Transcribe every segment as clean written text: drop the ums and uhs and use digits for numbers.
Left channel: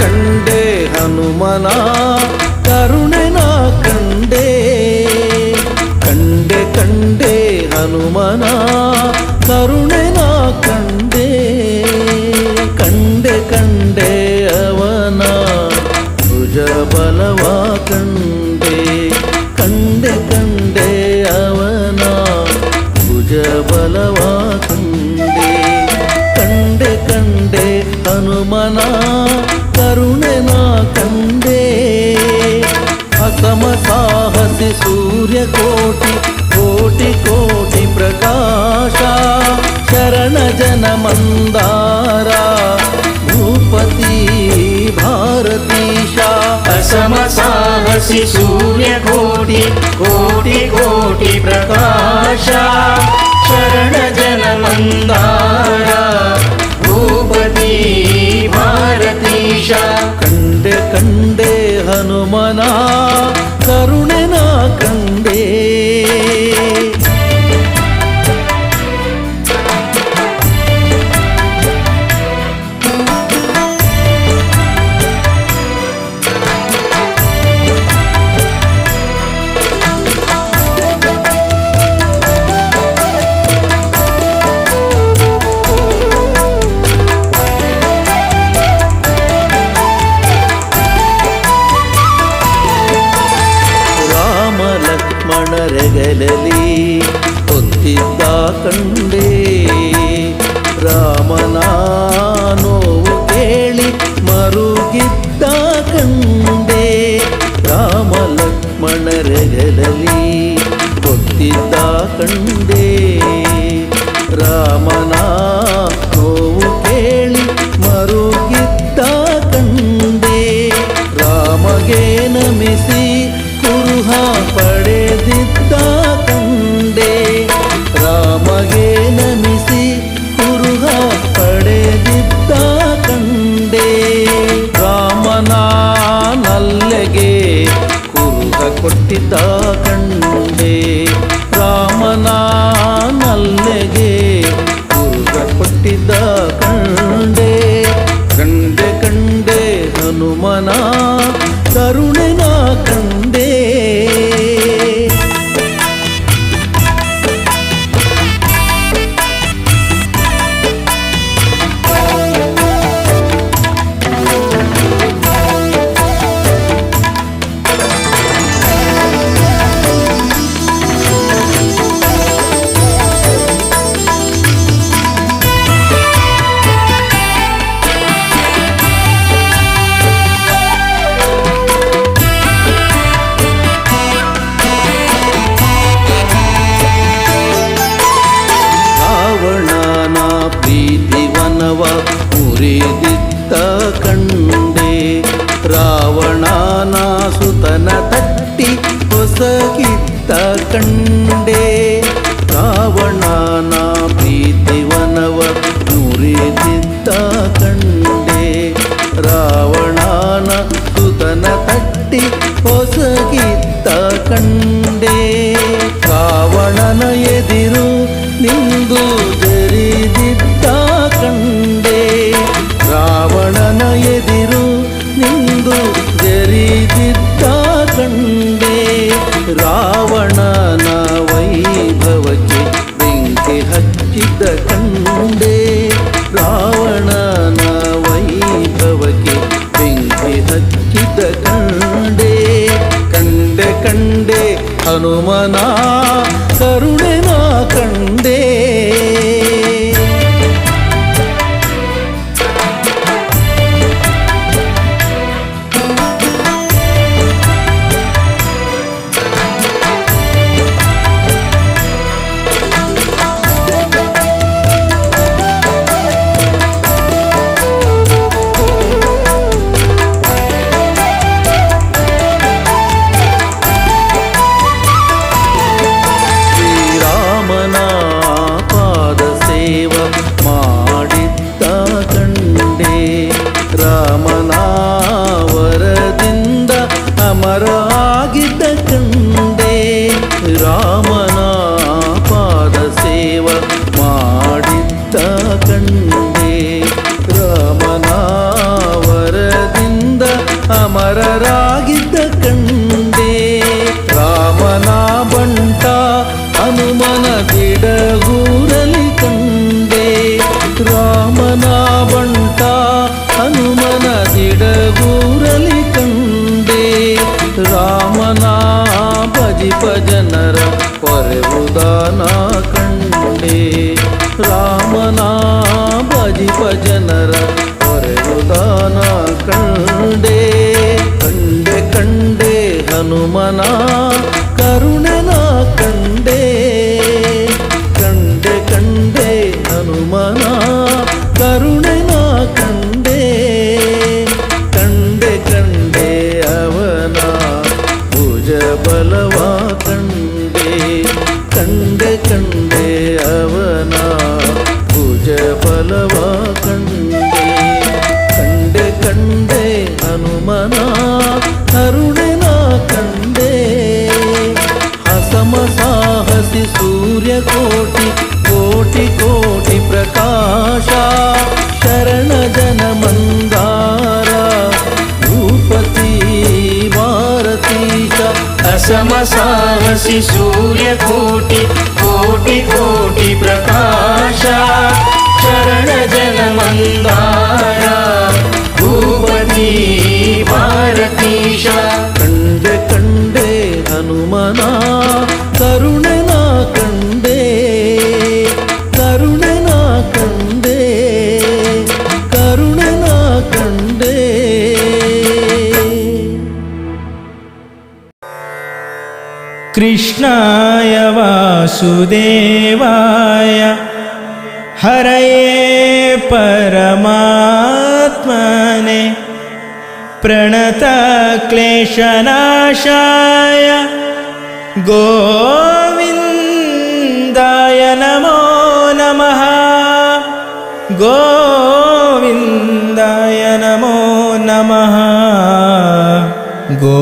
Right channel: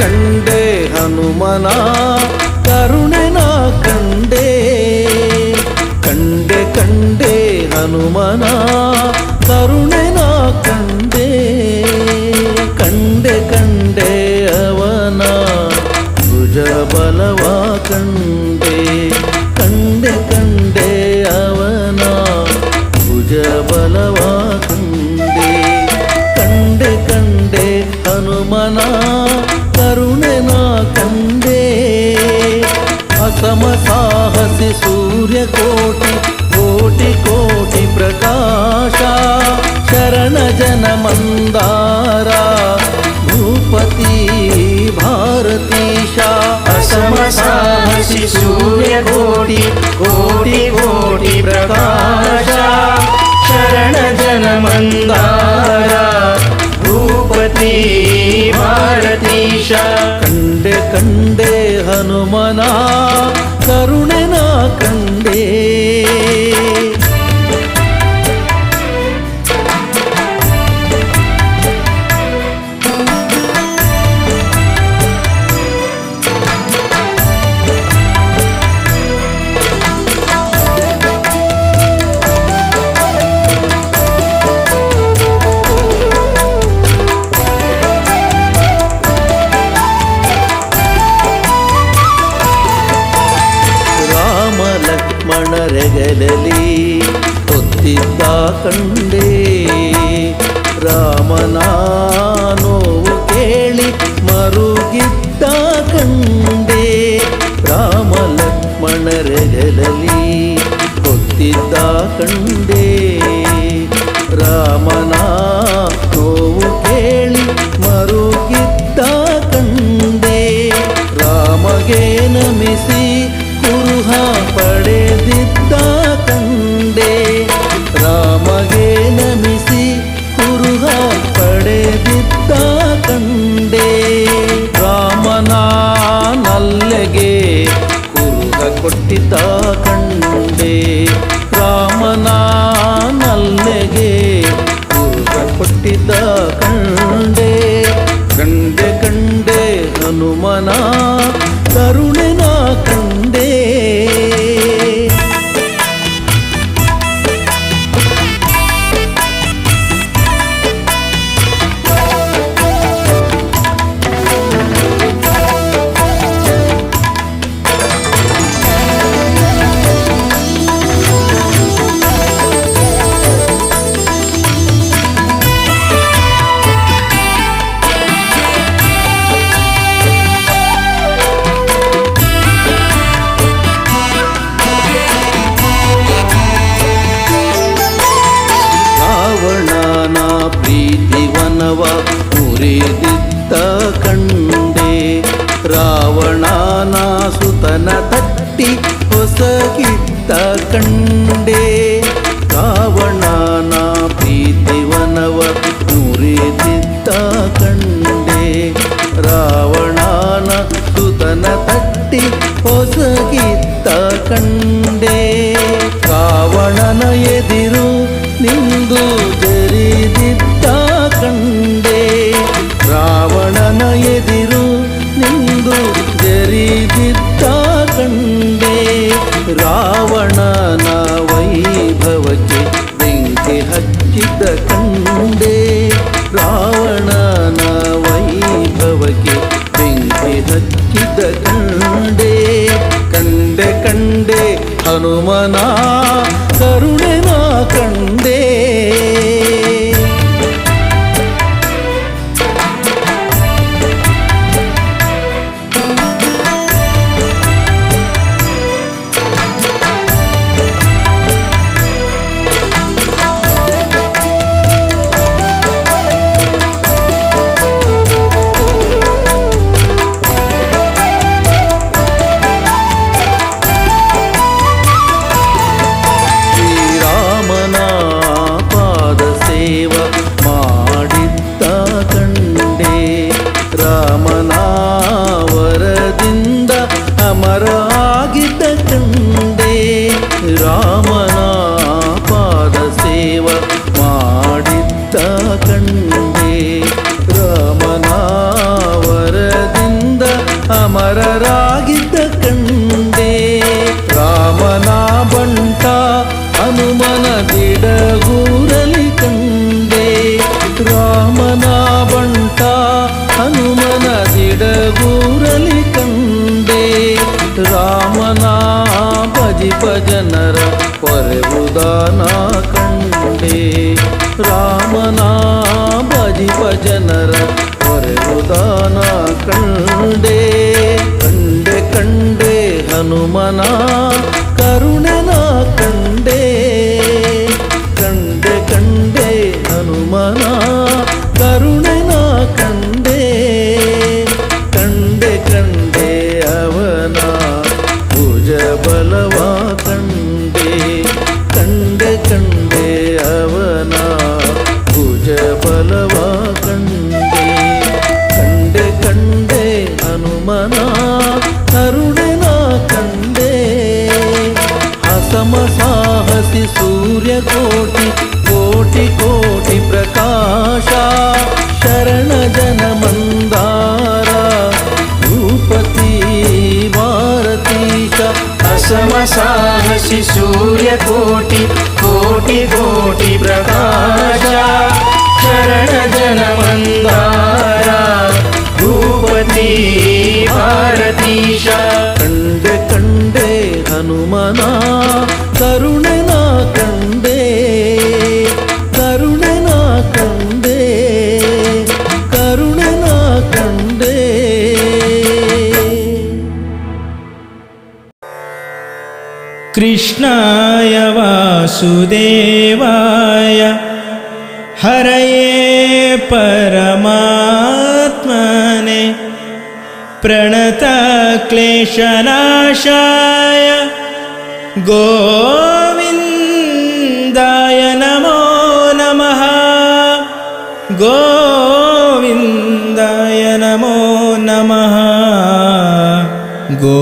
ಕಂಡೆ ಹನುಮನ ಕರುಣೆ ನಾ ಕಂಡೆ ಕಂಡೆ ಕಂಡೆ ಹನುಮನ ಕರುಣೆ ನಾ ಕಂಡೆ ಕಂಡೆ ಕಂಡೆ ಅವನ ಭುಜ ಬಲವ ಕಂಡೆ ಕಂಡೆ ಕಂಡೆ ಅವನ ಭುಜ ಬಲವ ಕಂಡೆ ಕಂಡೆ ಕಂಡೆ ಹನುಮನ ಕರುಣೆ ನಾ ಕಂಡೆ ಅಸಮ ಸಾಹಸಿ ಸೂರ್ಯಕೋಟಿ ಕೋಟಿ ಕೋಟಿ ಪ್ರಕಾಶ ಶರಣ ಜನ ಮಂದಾರ ಭೂಪತಿ ಭಾರತೀಶ ಅಸಮ ಸಾಹಸಿ ಸೂರ್ಯಕೋಟಿ ಕೋಟಿ ಕೋಟಿ ಪ್ರಕಾಶ ಶರಣ ಜನ ಮಂದಾರ ಭೂಪತಿ ಭಾರತೀಶ ಕಂಡೆ ಕಂಡೆ ಹನುಮನ ಕರುಣೆ ನಾ ಕಂಡೆ ಲಕ್ಷ್ಮಣರೆಗಲಲಿ ಹೊತ್ತಿದ್ದ ಕಂಡೆ ರಾಮನ ನೋವು ಕೇಳಿ ಮರುಗಿದ್ದ ಕಂಡೆ ರಾಮ ಲಕ್ಷ್ಮಣರೆಗಲಲಿ ಹೊತ್ತಿದ್ದ ಕಂಡೆ ರಾಮನ ನೋವು ಕೇಳಿ ಮರುಗಿದ್ದ ಕಂಡೆ ರಾಮಗೆ ನಮಿಸಿ ಕುರುಹ ಪಡೆದಿದ್ದ ಕಂಡೆ ರಾಮಗೆ ನಮಿಸಿ ಕುರುಹ ಪಡೆದಿದ್ದ ಕಂಡೆ ರಾಮನ ನಲ್ಲೆಗೆ ಕುರುಹ ಕೊಟ್ಟಿದ್ದ ಕಂಡೆ ರಾಮನ ನಲ್ಲೆಗೆ ಕುರುಹ ಕೊಟ್ಟಿದ್ದ ಕಂಡೆ ಕಂಡೆ ಕಂಡೆ ಹನುಮನ ಕರುಣೆ ನಾ ಕಂಡೆ ರಾವಣನ ಪ್ರೀತಿವನವ ಮುರಿದಿದ್ದ ಕಂಡೆ ರಾವಣನ ಸುತನ ತಟ್ಟಿ ಹೊಸಗಿದ್ದ ಕಂಡೆ ರಾವಣನ ಪ್ರೀತಿವನವ ಮುರಿದಿದ್ದ ಕಂಡೆ ರಾವಣನ ಸುತನ ತಟ್ಟಿ ಹೊಸಗಿದ್ದ ಕಂಡೆ ರಾವಣನ ಎದಿರು ನಿಂದು ಜರಿದಿದ್ದ ಕಂಡೆ ರಾವಣನ ಎದಿರು ನಿಂದು ಜರಿದಿದ್ದ ಕಂಡೆ ರಾವಣನ ವೈಭವಕ್ಕೆ ಬೆಂಕಿ ಹಚ್ಚಿದ್ದ ಕಂಡೆ ರಾವಣನ ವೈಭವಕ್ಕೆ ಬೆಂಕಿ ಹಚ್ಚಿದ್ದ ಕಂಡೆ ಕಂಡೆ ಕಂಡೆ ಹನುಮನ ಕರುಣೆ ನಾ ಕಂಡೆ ರಾಮನ ವರದಿಂದ ಅಮರ ಆಗಿದ್ದ ಕಂಡೆ ರಾಮನ ಪಾದ ಸೇವ ಮಾಡಿದ್ದ ಕಂಡೆ ರಾಮನ ವರದಿಂದ ಅಮರರಾಗಿದ್ದ ಕಂಡೆ ರಾಮನ ಬಂಟ ಹನುಮನ ದಿಡಗೂರಲಿ ಕಂಡೆ ರಾಮನ ಬಂಟ ಹನುಮನ ದಿಡಗೂರಲಿ ಕಂಡೆ ರಾಮನ ಭಜಿಪ ಜನರ ಪೊರೆವುದಾನ ಕಂಡೆ ರಾಮನ ಭಜಿಪ ಜನರ ಪೊರೆವುದಾನ ಕಂಡೆ ಕಂಡೆ ಕಂಡೆ ಹನುಮನ ಕರುಣನ ಕಂಡೆ ಕಂಡೆ ಕಂಡೆ ಹನುಮನ ಕರುಣನ ಕಂಡೆ ಕಂಡೆ ಕಂಡೆ ಅವನ ಭುಜ ಬಲವ ಕಂಡೆ ಕಂಡೆ ಕಂಡೆ ಅವನ ಭುಜ ಬಲವ ಕಂಡೆ ಕಂಡೆ ಕಂಡೆ ಹನುಮನ ಕರುಣನ ಕಂಡೆ ಹಸಮ ಸಾಹಸಿ ಸೂರ್ಯ ಕೋಟಿ ಕೋಟಿ ಕೋಟಿ ಪ್ರಕಾಶ ಶರಣ ಜನ ಮಂದಾರ ಭೂಪತಿ ಭಾರತೀಶ ಅಸಮ ಸಾಹಸಿ ಸೂರ್ಯ ಕೋಟಿ ಕೋಟಿ ಕೋಟಿ ಪ್ರಕಾಶ ಶರಣ ಜನ ಮಂದಾರ ಭೂಪತಿ ಭಾರತೀಶ ಕಂಡೆ ಕಂಡೆ ಹನುಮನ ಕರುಣನ ಕಂಡೆ ಕರುಣನ ಕಂಡೆ ಕರುಣನ ಕಂಡೆ ಕೃಷ್ಣಾಯ ವಾಸುದೇವಾಯ ಹರಯೇ ಪರಮಾತ್ಮನೆ ಪ್ರಣತ ಕ್ಲೇಶನಾಶಾಯ ಗೋವಿಂದಾಯ ನಮೋ ನಮಃ ಗೋವಿಂದಾಯ ನಮೋ ನಮಃ ಗೋವಿಂದಾಯ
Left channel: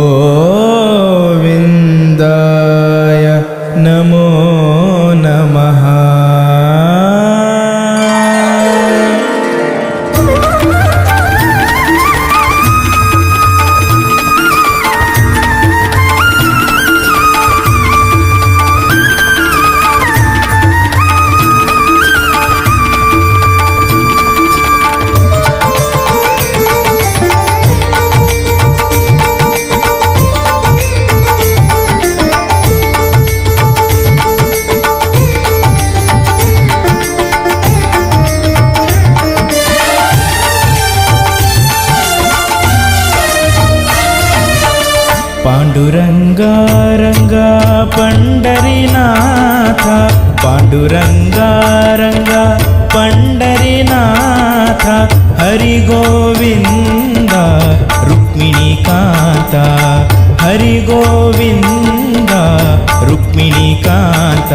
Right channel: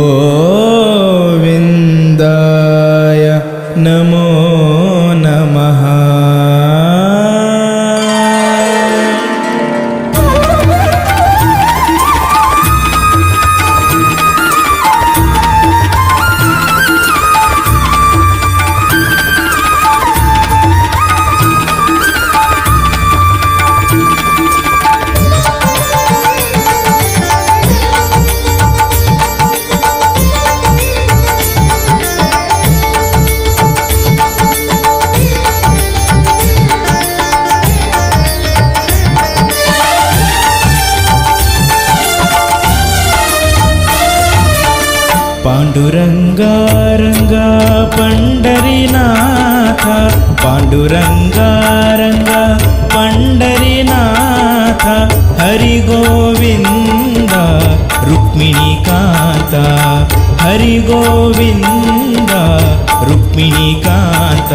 ನಮೋ ನಮಃ. ಪಾಂಡುರಂಗ ರಂಗ ಪಂಡರಿನಾಥ ಪಾಂಡುರಂಗ ರಂಗ ಪಂಡರಿನಾಥ ಹರಿ ಗೋವಿಂದ ರುಕ್ಮಿಣಿ ಕಾಂತ ಹರಿ ಗೋವಿಂದ ರುಕ್ಮಿಣಿ ಕಾಂತ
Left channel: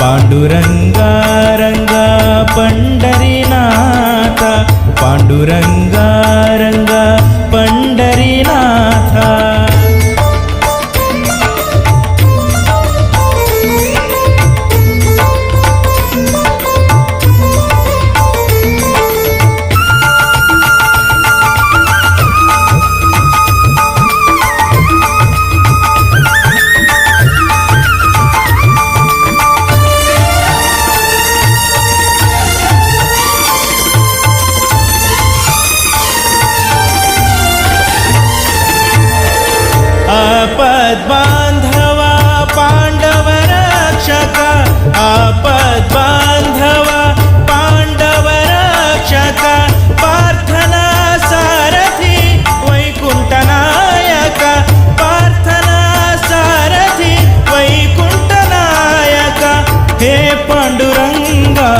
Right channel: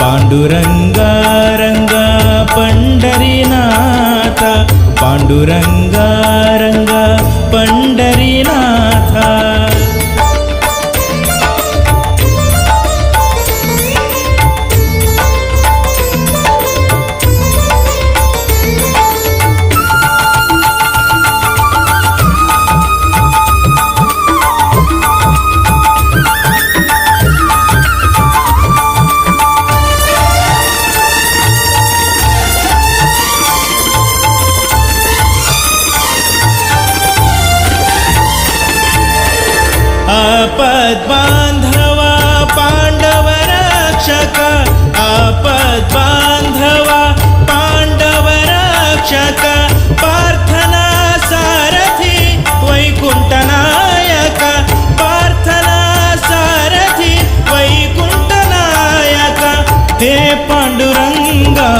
ಪಾಂಡುರಂಗ ರಂಗ ಪಂಡರಿನಾಥ ಪಾಂಡುರಂಗ ರಂಗ ಪಂಡರಿನಾಥ. आपद्बांधव पांडव रक्षक आपद्बांधव पांडव रक्षक पार्थना सारथी वैकुंठ नायक पार्थना सारथी वैकुंठ नायक हे पांडुरंगा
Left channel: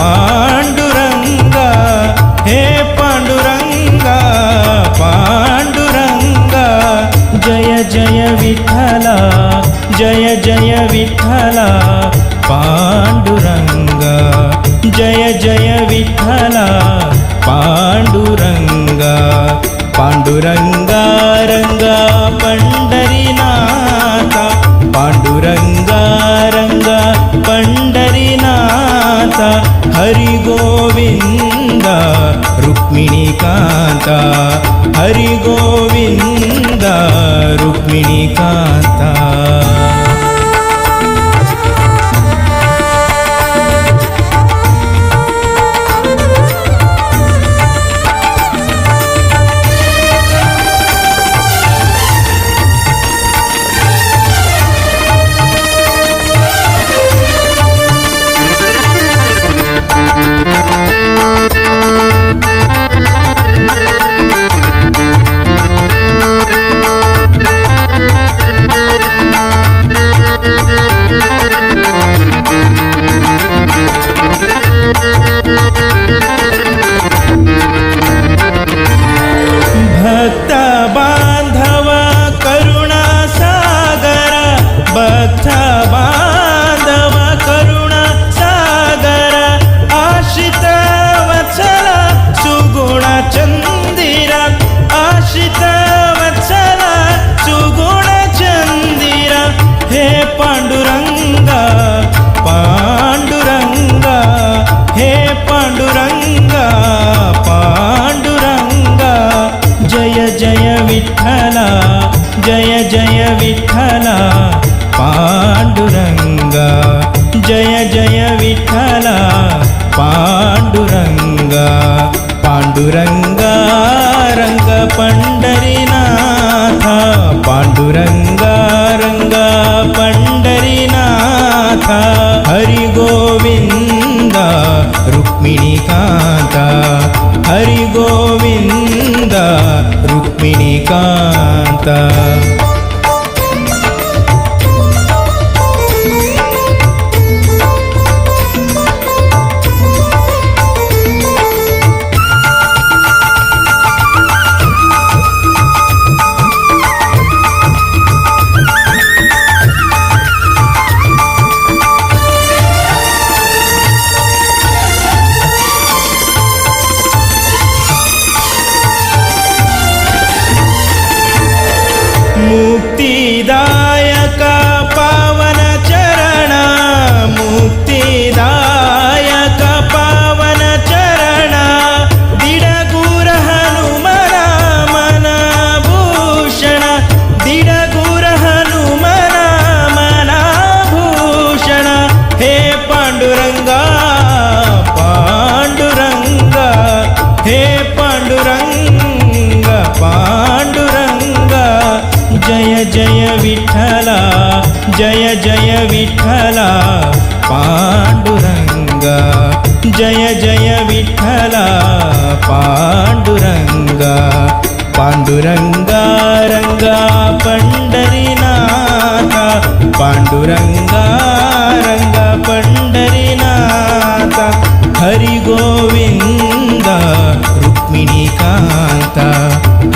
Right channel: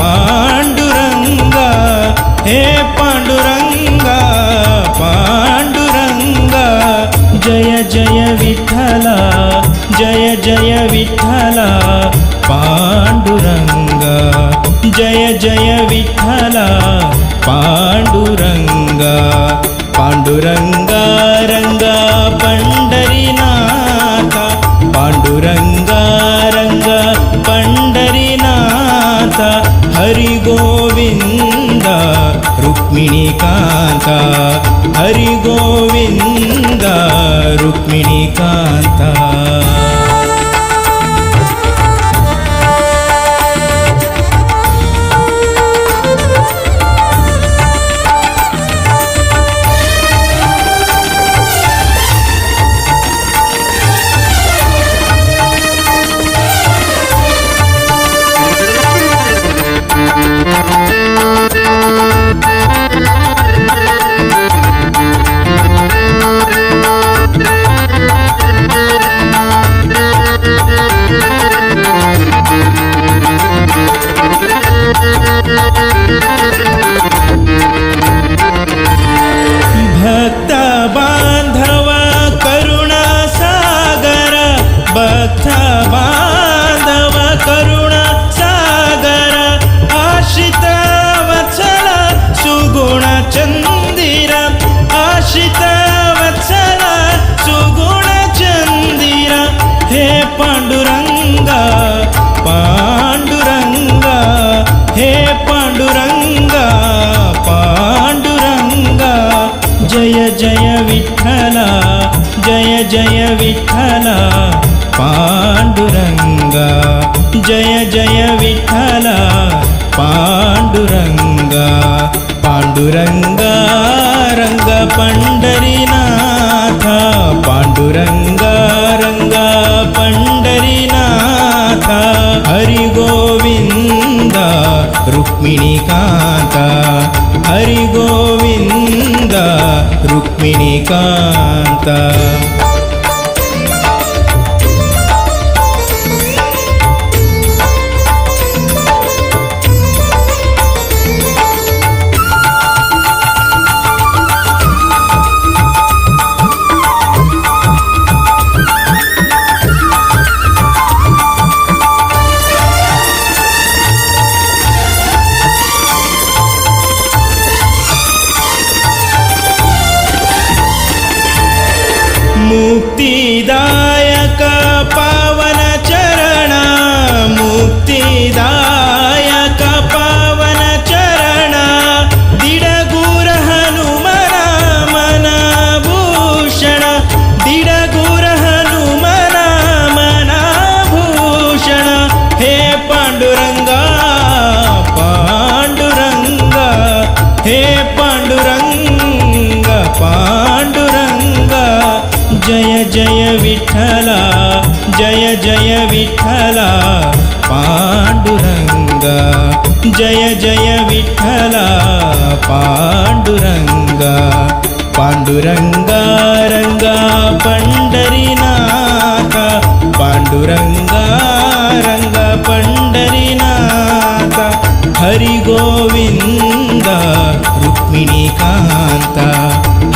पांडुरंगा हे पांडुरंगा पांडुरंगा जय जय विठ्ठला जय जय विठ्ठला पांडुरंगा जय जय विठ्ठला ಪಾಂಡುರಂಗ ಪಾಂಡುರಂಗ ರಂಗ ಪಂಡರಿನಾಥ ಪಾಂಡುರಂಗ ರಂಗ ಪಂಡರಿನಾಥ ಹರಿ ಗೋವಿಂದ ರುಕ್ಮಿಣಿಕಾಂತ ಹರಿ ಗೋವಿಂದ ರುಕ್ಮಿಣಿಕಾಂತ. ಭಕ್ತ ಬಾಂಧವ ಕರುಣಾ ಸಾಗರ ಭಕ್ತ ಬಾಂಧವ ಕರುಣಾ ಸಾಗರ ಆಶ್ರಿತ ವತ್ಸಲ ಸುಗುಣ ಚಂದಿರ ಆಶ್ರಿತ ವತ್ಸಲ ಸುಗುಣ ಚಂದಿರ ಹೇ ಪಾಂಡುರಂಗ ಪಾಂಡುರಂಗ ಹೇ ಪಾಂಡುರಂಗ ಪಾಂಡುರಂಗ ಜಯ ಜಯ ವಿಠಲ ಜಯ ಜಯ ವಿಠಲ ಪಾಂಡುರಂಗ ಜಯ ಜಯ ವಿಠಲ ಪಾಂಡುರಂಗ ಪಾಂಡುರಂಗ ರಂಗ ಪಂಡರಿನಾಥ ಪಾಂಡುರಂಗ ರಂಗ ಪಂಡರಿನಾಥ ಹರಿ ಗೋವಿಂದ ರುಕ್ಮಿಣಿಕಾಂತ ಹರಿ ಗೋವಿಂದ ರುಕ್ಮಿಣಿಕಾಂತ. ಮುಕ್ತಿದಾಯಕ ಪಾವನ ಚರಣ ಮುಕ್ತಿದಾಯಕ ಪಾವನ ಚರಣ ದಿಡಗೂರ ಹನುಮನ ಮನಭೂಷಣ ದಿಡಗೂರ ಹನುಮನ ಮನಭೂಷಣ ಹೇ ಪಾಂಡುರಂಗ ಪಾಂಡುರಂಗ ಹೇ ಪಾಂಡುರಂಗ ಪಾಂಡುರಂಗ ಜಯ ಜಯ ವಿಠಲ ಜಯ ಜಯ ವಿಠಲ ಪಾಂಡುರಂಗ ಜಯ ಜಯ ವಿಠಲ ಪಾಂಡುರಂಗ ಪಾಂಡುರಂಗ ರಂಗ ಪಂಡರಿನಾಥ ಪಾಂಡುರಂಗ ರಂಗ ಪಂಡರಿನಾಥ ಹರಿ ಗೋವಿಂದ ರುಕ್ಮಿಣಿಕಾಂತ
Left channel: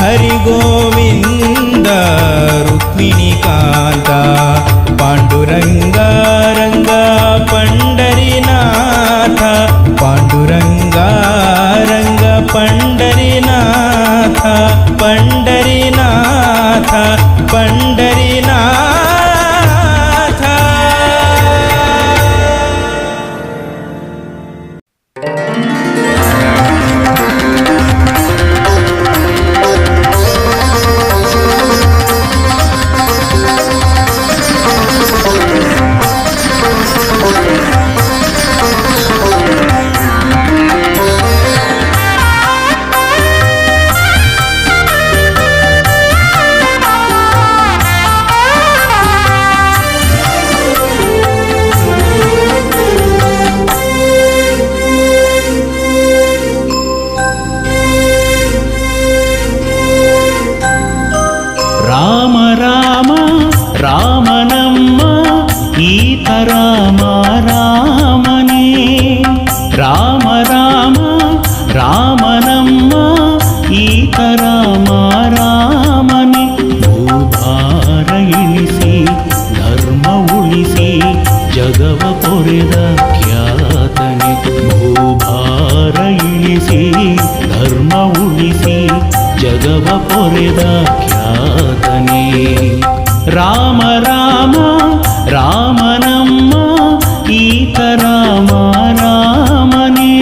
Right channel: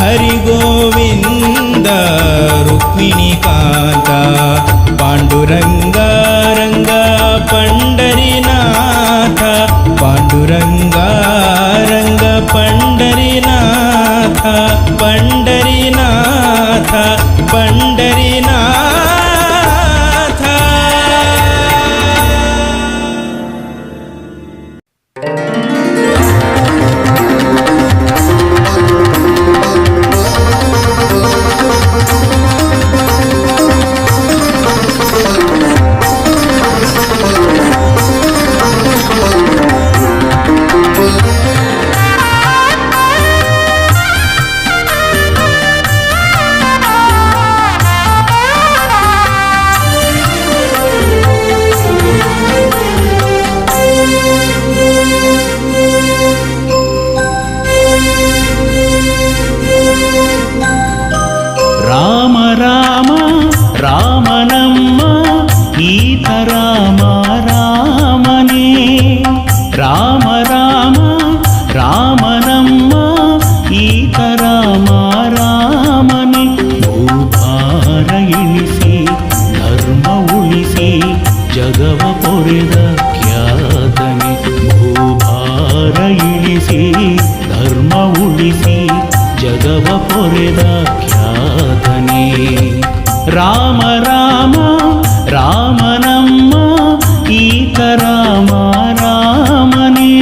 ಹರಿ ಗೋವಿಂದ ರುಕ್ಮಿಣಿಕಾಂತ ಪಾಂಡುರಂಗ ರಂಗ ಪಂಡರಿನಾಥ ಪಾಂಡುರಂಗ ರಂಗ ಪಂಡರಿನಾಥ ಪಂಡರಿನಾಥ ಪಂಡರಿನಾಥ. ರಾಮ ರಾಮ ರಾಮನಮ್ಮ ಈತ ರಾಮ ರಾಮನೇ ರಾಮ ರಾಮ ರಾಮನಮ್ಮ ಈತ ರಾಮ ರಾಮನೇ ಭೂಭಾರ ಇಳಿಸಿ ಧರ್ಮ ಉಳಿಸಿ ಜಗವ ಪೊರೆದ ಖ್ಯಾತನೆ ಭೂಭಾರ ಭೂಭಾರ ಇಳಿಸಿ ಧರ್ಮ ಉಳಿಸಿ ಜಗವ ಪೊರೆದ ಖ್ಯಾತನೇ. ರಾಮ ರಾಮ ರಾಮನಮ್ಮ ಈತ ರಾಮ ರಾಮನೇ.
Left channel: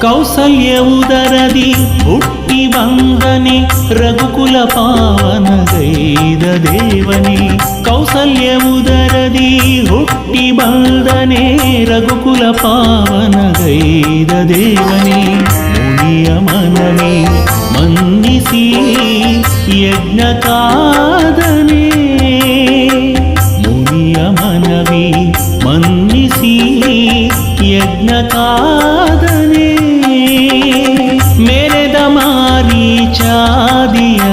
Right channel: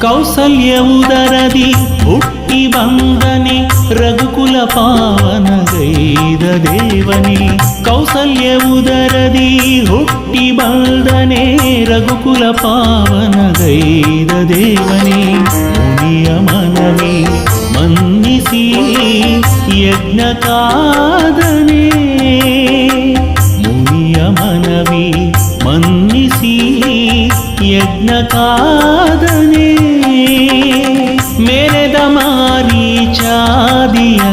ಕೌಸಲ್ಯ ಉದರದಿ ಹುಟ್ಟಿ ಬಂದನೆ ರಘುಕುಲ ಪಾವನಗೈದ ದೇವನೇ. ಕೌಸಲ್ಯ ಉದರದಿ ಹುಟ್ಟಿ ಬಂದನೆ ರಘುಕುಲ ಪಾವನಗೈದ ದೇವನೇ. ಮುನಿಯ ಮನವೇ ಮನ್ನಿಸಿ ಯಜ್ಞ ಕಾದನೆ. ಮುನಿಯ ಮನವಿ ಮನ್ನಿಸಿ ಯಜ್ಞ ಕಾದನೆ. ಮೆರೆದ ಮಾರೀಚಾದಿಯ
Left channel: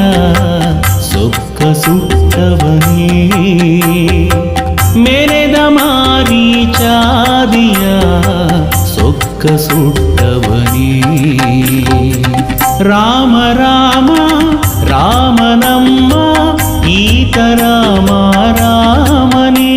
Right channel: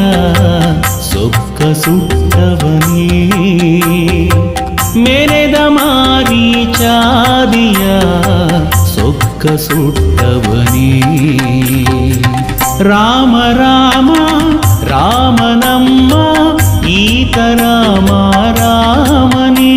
ಸೊಕ್ಕ ಸುಟ್ಟವನೇ. ಮೆರೆದ ಮಾರೀಚಾದಿಯ ಸೊಕ್ಕ ಸುಟ್ಟವನೇ. ರಾಮ ರಾಮ ರಾಮನಮ್ಮ ಈತ ರಾಮ ರಾಮನೇ.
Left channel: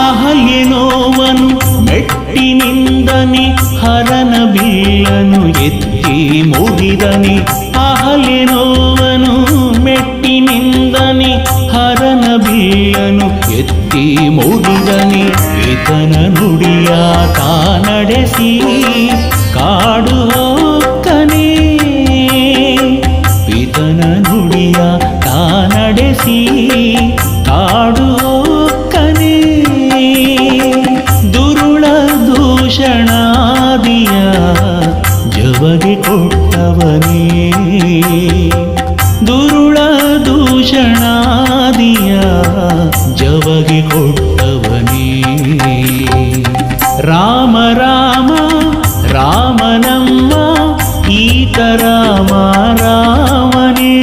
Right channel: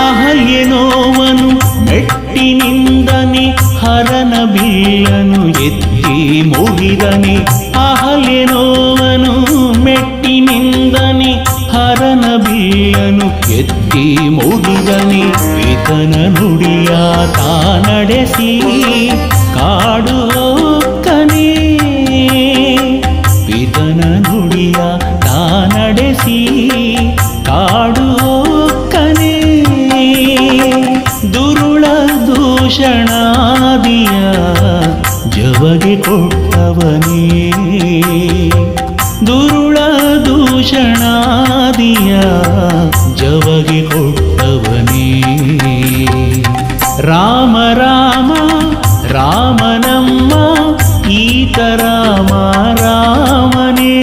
ಅಹಲ್ಯನೋವನು ಮೆಟ್ಟಿನಿಂದನೆ ಹರನ ಬಿಲ್ಲನು ಎತ್ತಿ ಮುರಿದನೆ. ಅಹಲ್ಯನೋವನು ಮೆಟ್ಟಿನಿಂದನೆ ಹರನ ಬಿಲ್ಲನು ಎತ್ತಿ ಮುರಿದನೆ. ಪಿತನ ನುಡಿಯ ತಾ ನಡೆಸಿ ಕಾಡು ಹೋಕ್ಕನೆ. ಪಿತನ ನುಡಿಯ ತಾ ನಡೆಸಿ ಕಾಡು ಹೋಕ್ಕನೆ. ದುರುಳ ದೂಷಣಾದಿಯ ಜವಗೆ ಕೊಟ್ಟವನೇ. ದುರುಳ ದೂಷಣಾದಿಯ ಜವಗೆ ಕೊಟ್ಟವನೇ. ರಾಮ ರಾಮ ರಾಮನಮ್ಮ ಈತ ರಾಮ ರಾಮನೇ.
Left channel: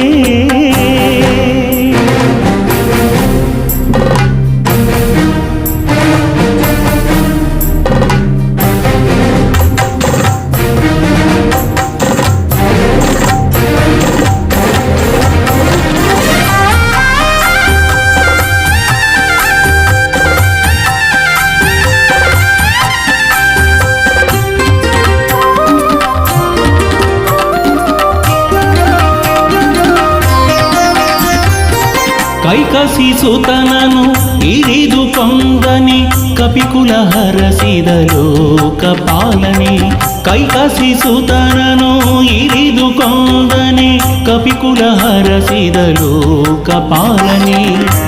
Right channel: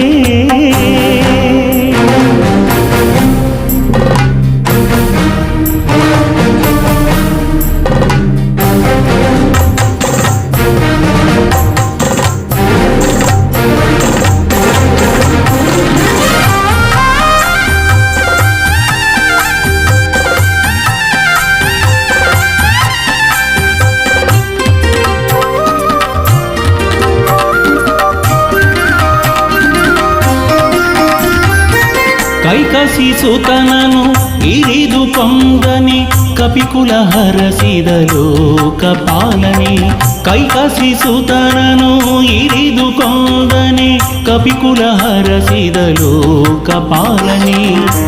ಕೈಕಸಿ ಸುತನನು ಇರಿದು ಕೊಂದನೆ ಕಪಿಕುಲ ಹರಸಿದ ಲೋಕಪಾಲನೆ. ಕೈಕಸಿ ಸುತನನು ಇರಿದು ಕೊಂದನೆ ಕಪಿಕುಲ ಹರಸಿದ ಲೋಕಪಾಲನೆ.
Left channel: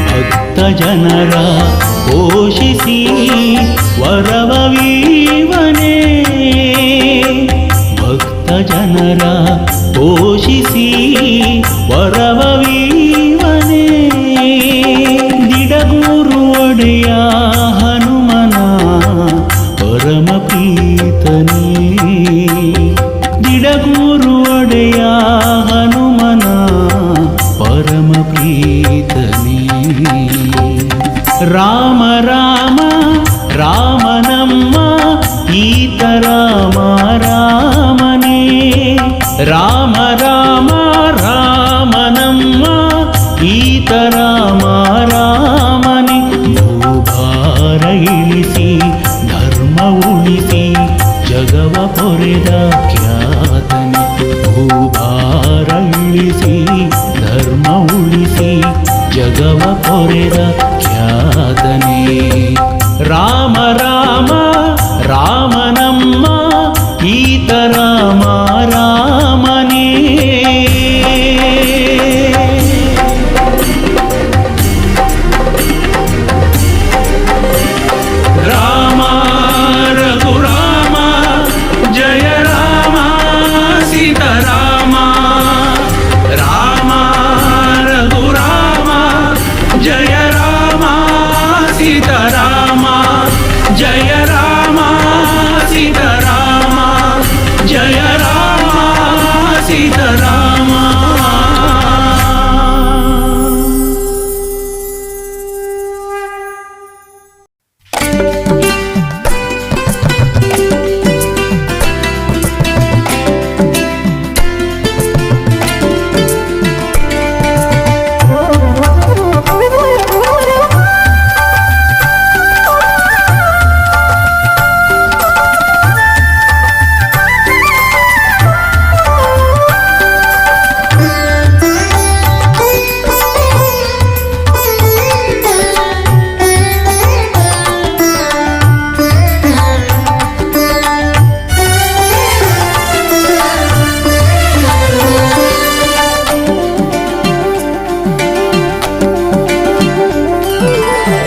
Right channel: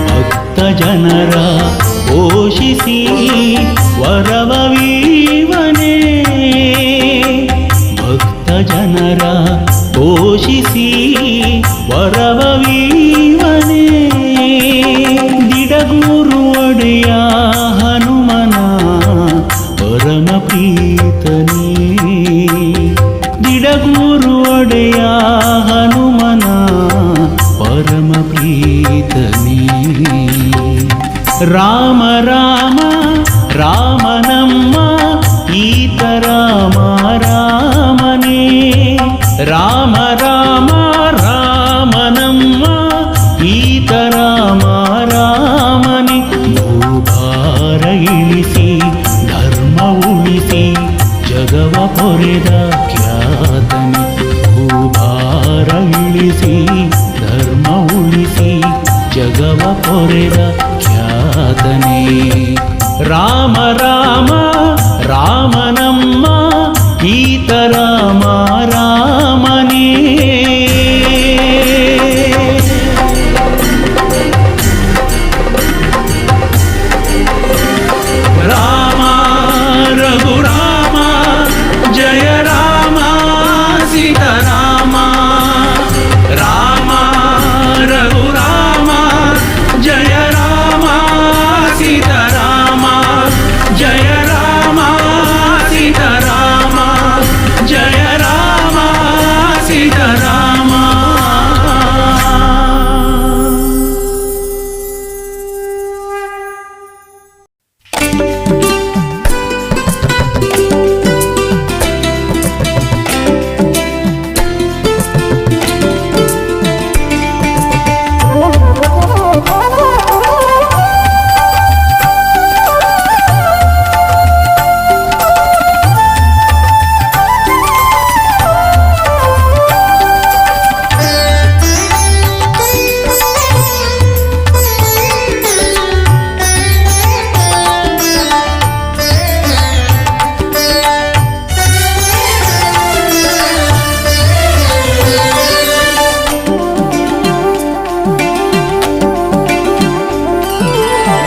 ಭಕ್ತ ಜನರ ಪೋಷಿಸಿ ವರವವೀವನೇ. ಭಕ್ತ ಜನರ ಪೋಷಿಸಿ ವರವವೀವನೇ. ದಿಡಗೂರು ಒಡೆಯ ಹನುಮನ ಪರಮ ಪ್ರೀತನೇ. ದಿಡಗೂರು ಒಡೆಯ ಹನುಮನ ಪರಮ ಪ್ರೀತನೇ. ರಾಮ ರಾಮ ರಾಮನಮ್ಮ ಈತ ರಾಮ ರಾಮನೇ. ರಾಮ ರಾಮ ರಾಮನಮ್ಮ ಈತ ರಾಮ ರಾಮನೇ. ಭೂಭಾರ ಇಳಿಸಿ ಧರ್ಮ ಉಳಿಸಿ ಜಗವ ಪೊರೆದ ಖ್ಯಾತನೆ. ಭೂಭಾರ ಇಳಿಸಿ ಧರ್ಮ ಉಳಿಸಿ ಜಗವ ಪೊರೆದ ಖ್ಯಾತನೆ. ರಾಮ ರಾಮ ರಾಮನಮ್ಮ ಈತ ರಾಮ ರಾಮನೇ. ಸೀತಾರಾಮ ಜಯ ರಾಮ ಸೀತಾರಾಮ ಜಯ ರಾಮ ಸೀತಾರಾಮ.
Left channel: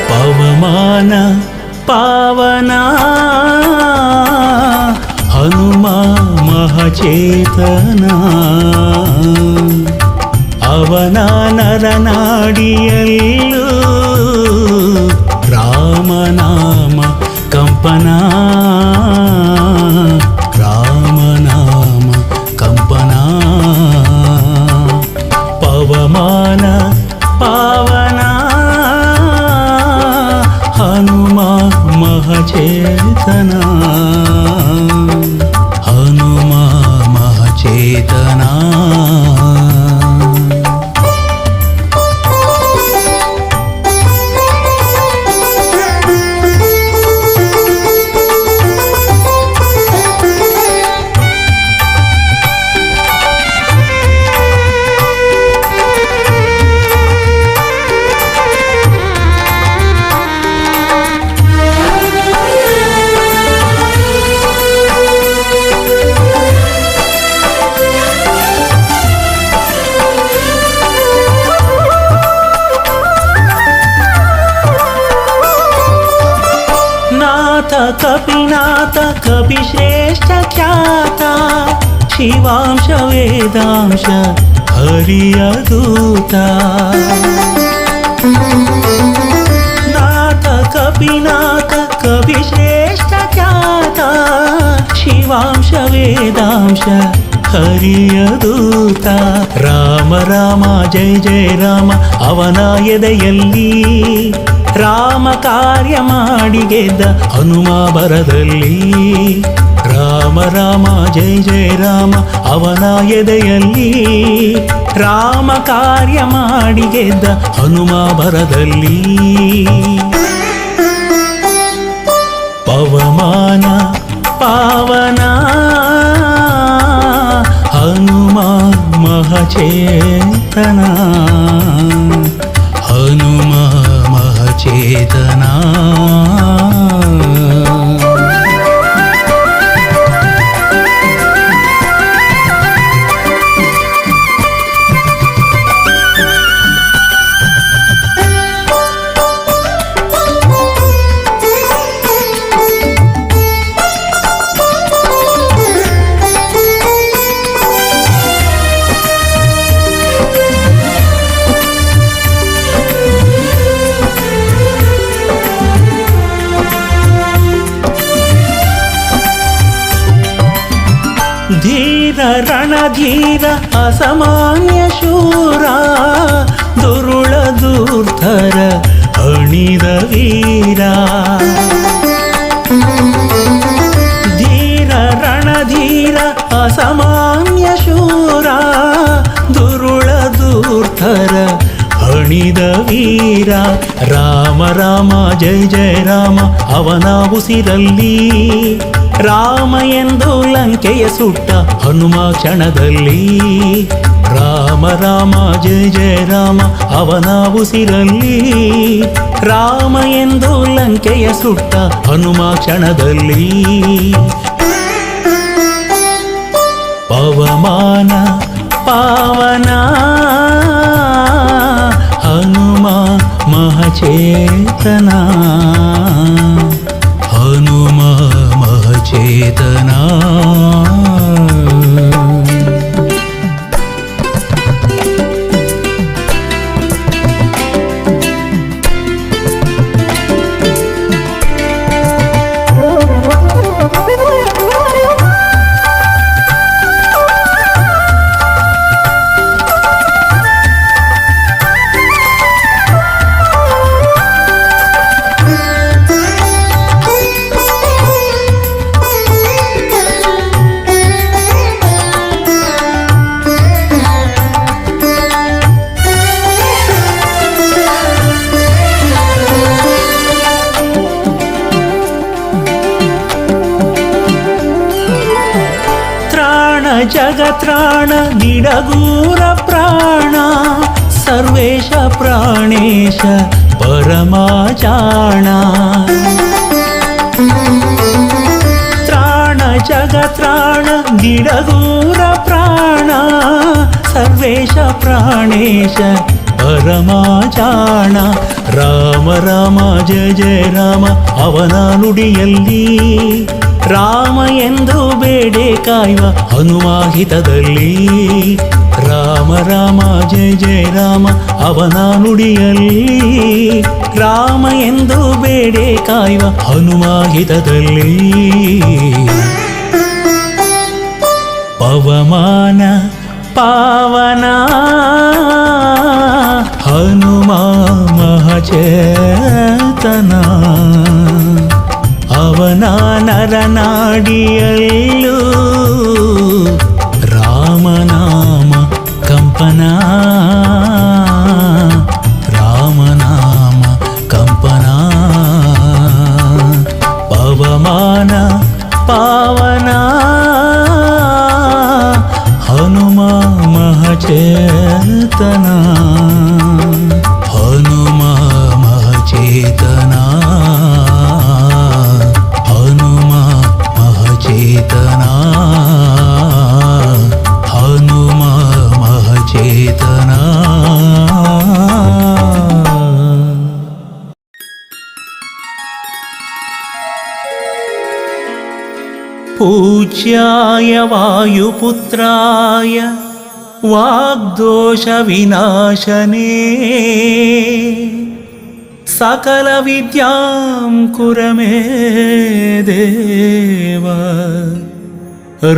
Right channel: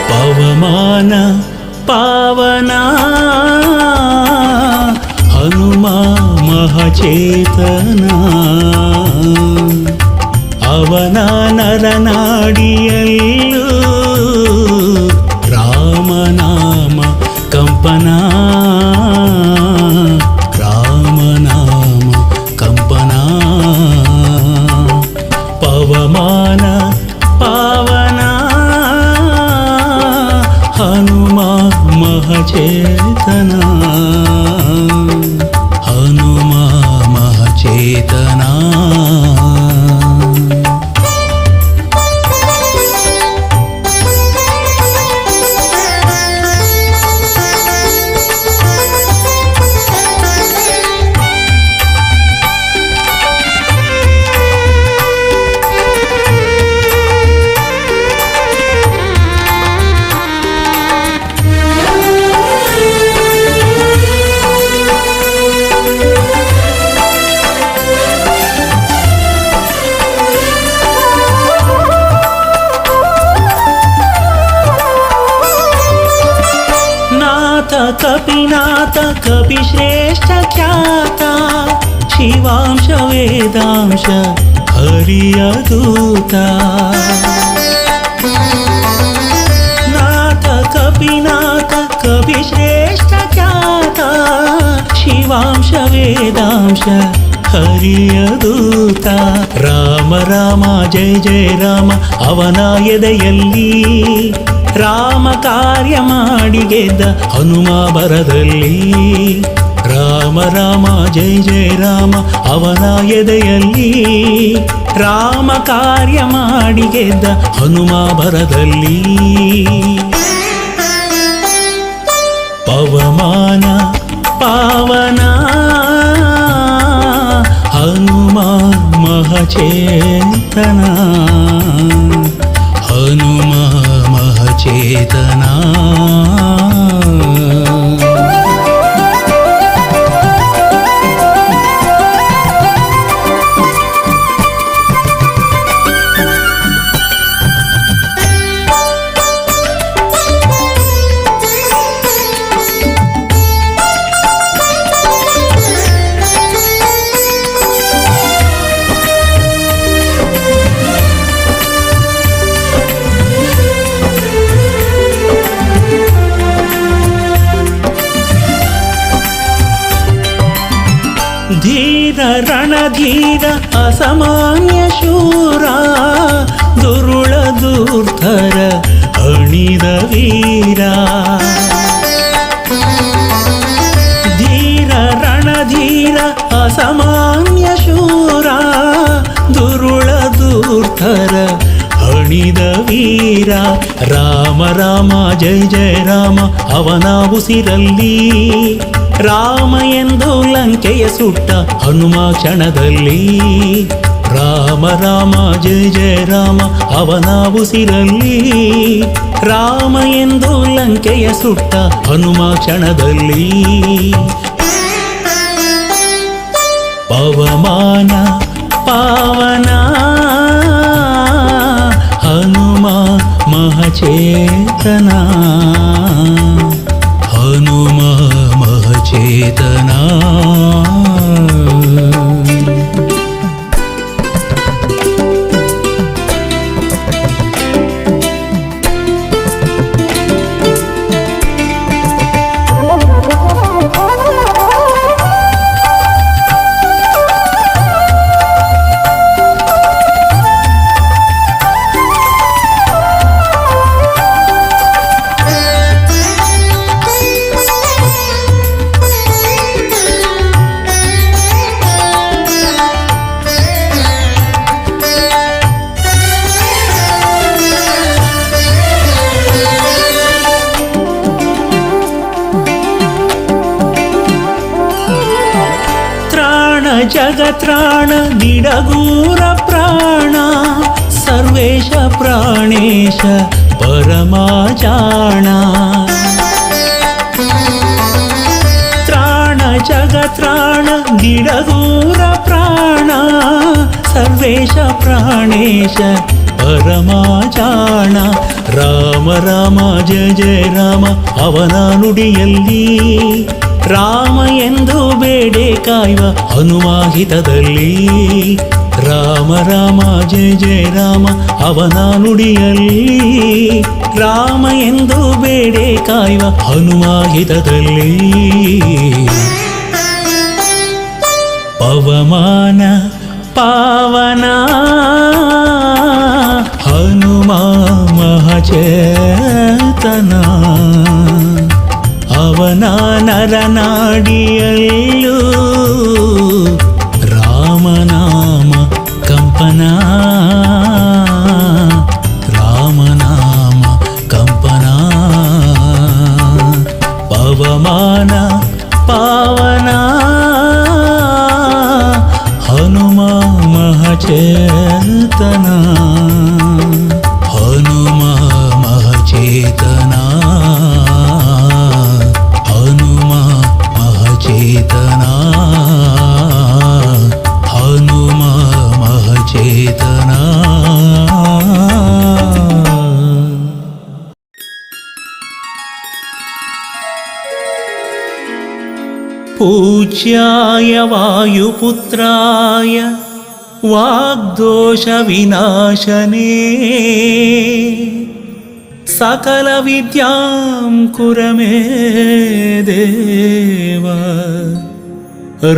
ಪವಮಾನ ಪಾವನ ಹನುಮ ಮಹಚೇತನ ಅವನ ನರನಾಡಿಯಲ್ಲೂ ರಾಮನಾಮ ಕಂಪನ ರಾಮನಾಮ ಕಂಪನ ಪವಮಾನ ಪಾವನ ಹನುಮ ಮಹಚೇತನ ಹನುಮ ಮಹಚೇತನ. ನಾಥ ಕಪಿನಾಥ ಕಪಿಶ್ರೇಷ್ಠ ಖ್ಯಾತ ಶಿವಾಂಶ ವೇದಾಂಶ ಹರಿಯ ದೂತ. ನಾಥ ಕಪಿನಾಥ ಕಪಿಶ್ರೇಷ್ಠ ಖ್ಯಾತ ಶಿವಾಂಶ ವೇದಾಂಶ ಹರಿಯ ದೂತ. ರಾಮ ರಾಮ ಜಯ ಜಯ ರಾಮ ಅವನ ಎದೆಯಲ್ಲಿ ರಾಮ ಕಾರ್ಯ ಮಾಡಿ ಗೆದ್ದ ಹನುಮ ಬರದಲ್ಲಿ. ರಾಮ ರಾಮ ಜಯ ಜಯ ರಾಮ ಅವನ ಎದೆಯಲ್ಲಿ ರಾಮ ಕಾರ್ಯ ಮಾಡಿ ಗೆದ್ದ ಹನುಮ ಬರದಲ್ಲಿ. ಪವಮಾನ ಪಾವನ ಹನುಮ ಮಹಚೇತನ ಹನುಮ ಮಹಚೇತನ. ಧೀರ ರಣಧೀರ ಅಸಾಮಾನ್ಯ ಶೂರ ದುರುಳ ದುರ್ಧರ ಅಣಿದ ವೀರ. ಧೀರ ರಣಧೀರ ಅಸಾಮಾನ್ಯ ಶೂರ ದುರುಳ ದುರ್ಧರ ಹಣಿದ ವೀರ. ರಾಮ ರಾಮ ಜಯ ಜಯ ರಾಮ ಅವನ ಉಸಿರಲ್ಲಿ ರಾಮ ಎಂದು ಲಂಕೆಯ ಸುಟ್ಟ ಹನುಮ ಕ್ಷಣದಲ್ಲಿ. ರಾಮ ರಾಮ ಜಯ ಜಯ ರಾಮ ಅವನ ಉಸಿರಲ್ಲಿ ರಾಮ ಎಂದು ಲಂಕೆಯ ಸುಟ್ಟ ಹನುಮ ಕ್ಷಣದಲ್ಲಿ. ಪವಮಾನ ಪಾವನ ಹನುಮ ಮಹಚೇತನ ಹನುಮ ಮಹಚೇತನ. ಜಗತ್ರಾಣ ದಿಡಗೂರ ಪ್ರಾಣ ಸರ್ವೇಶ ಪ್ರಾಣೇಶ ಪರಮಾಚಾಣ ತ್ರಾಣ ಜಗತ್ರಾಣ ದಿಡಗೂರ ಪ್ರಾಣ ಸರ್ವೇಶ ಪ್ರಾಣೇಶ ಪರಮಾಚಾಣ ರಾಮ ರಾಮ ಜಯ ಜಯ ರಾಮ ಅವನ ನುಡಿಯಲ್ಲಿ ರಾಮ ಎಂದು ಬೇಡೆ ಕಾಯುವ ಹನುಮಾಹಿತದಲ್ಲಿ ರಾಮ ರಾಮ ಜಯ ಜಯ ರಾಮ ಅವನ ನುಡಿಯಲ್ಲಿ ರಾಮ ಎಂದು ಬೇಡೆ ಕಾಯುವ ಹನುಮಾಹಿತದಲ್ಲಿ ಪವಮಾನ ಪಾವನ ಹನುಮ ಮಹಚೇತನ ಅವನ ನರನಾಡಿಯಲ್ಲೂ ರಾಮನಾಮ ಕಂಪನ ರಾಮನಾಮ ಕಂಪನ ಪವಮಾನ ಪಾವನ ಹನುಮ ಮಹಚೇತನ ಹನುಮ ಮಹಚೇತನ ಹನುಮ ಮಹಚೇತನ ಹನುಮ ಮಹಚೇತನ पूज्याय वायुपुत्राय वाग्दोषविनाशने सकलविद्यां कुर मे देव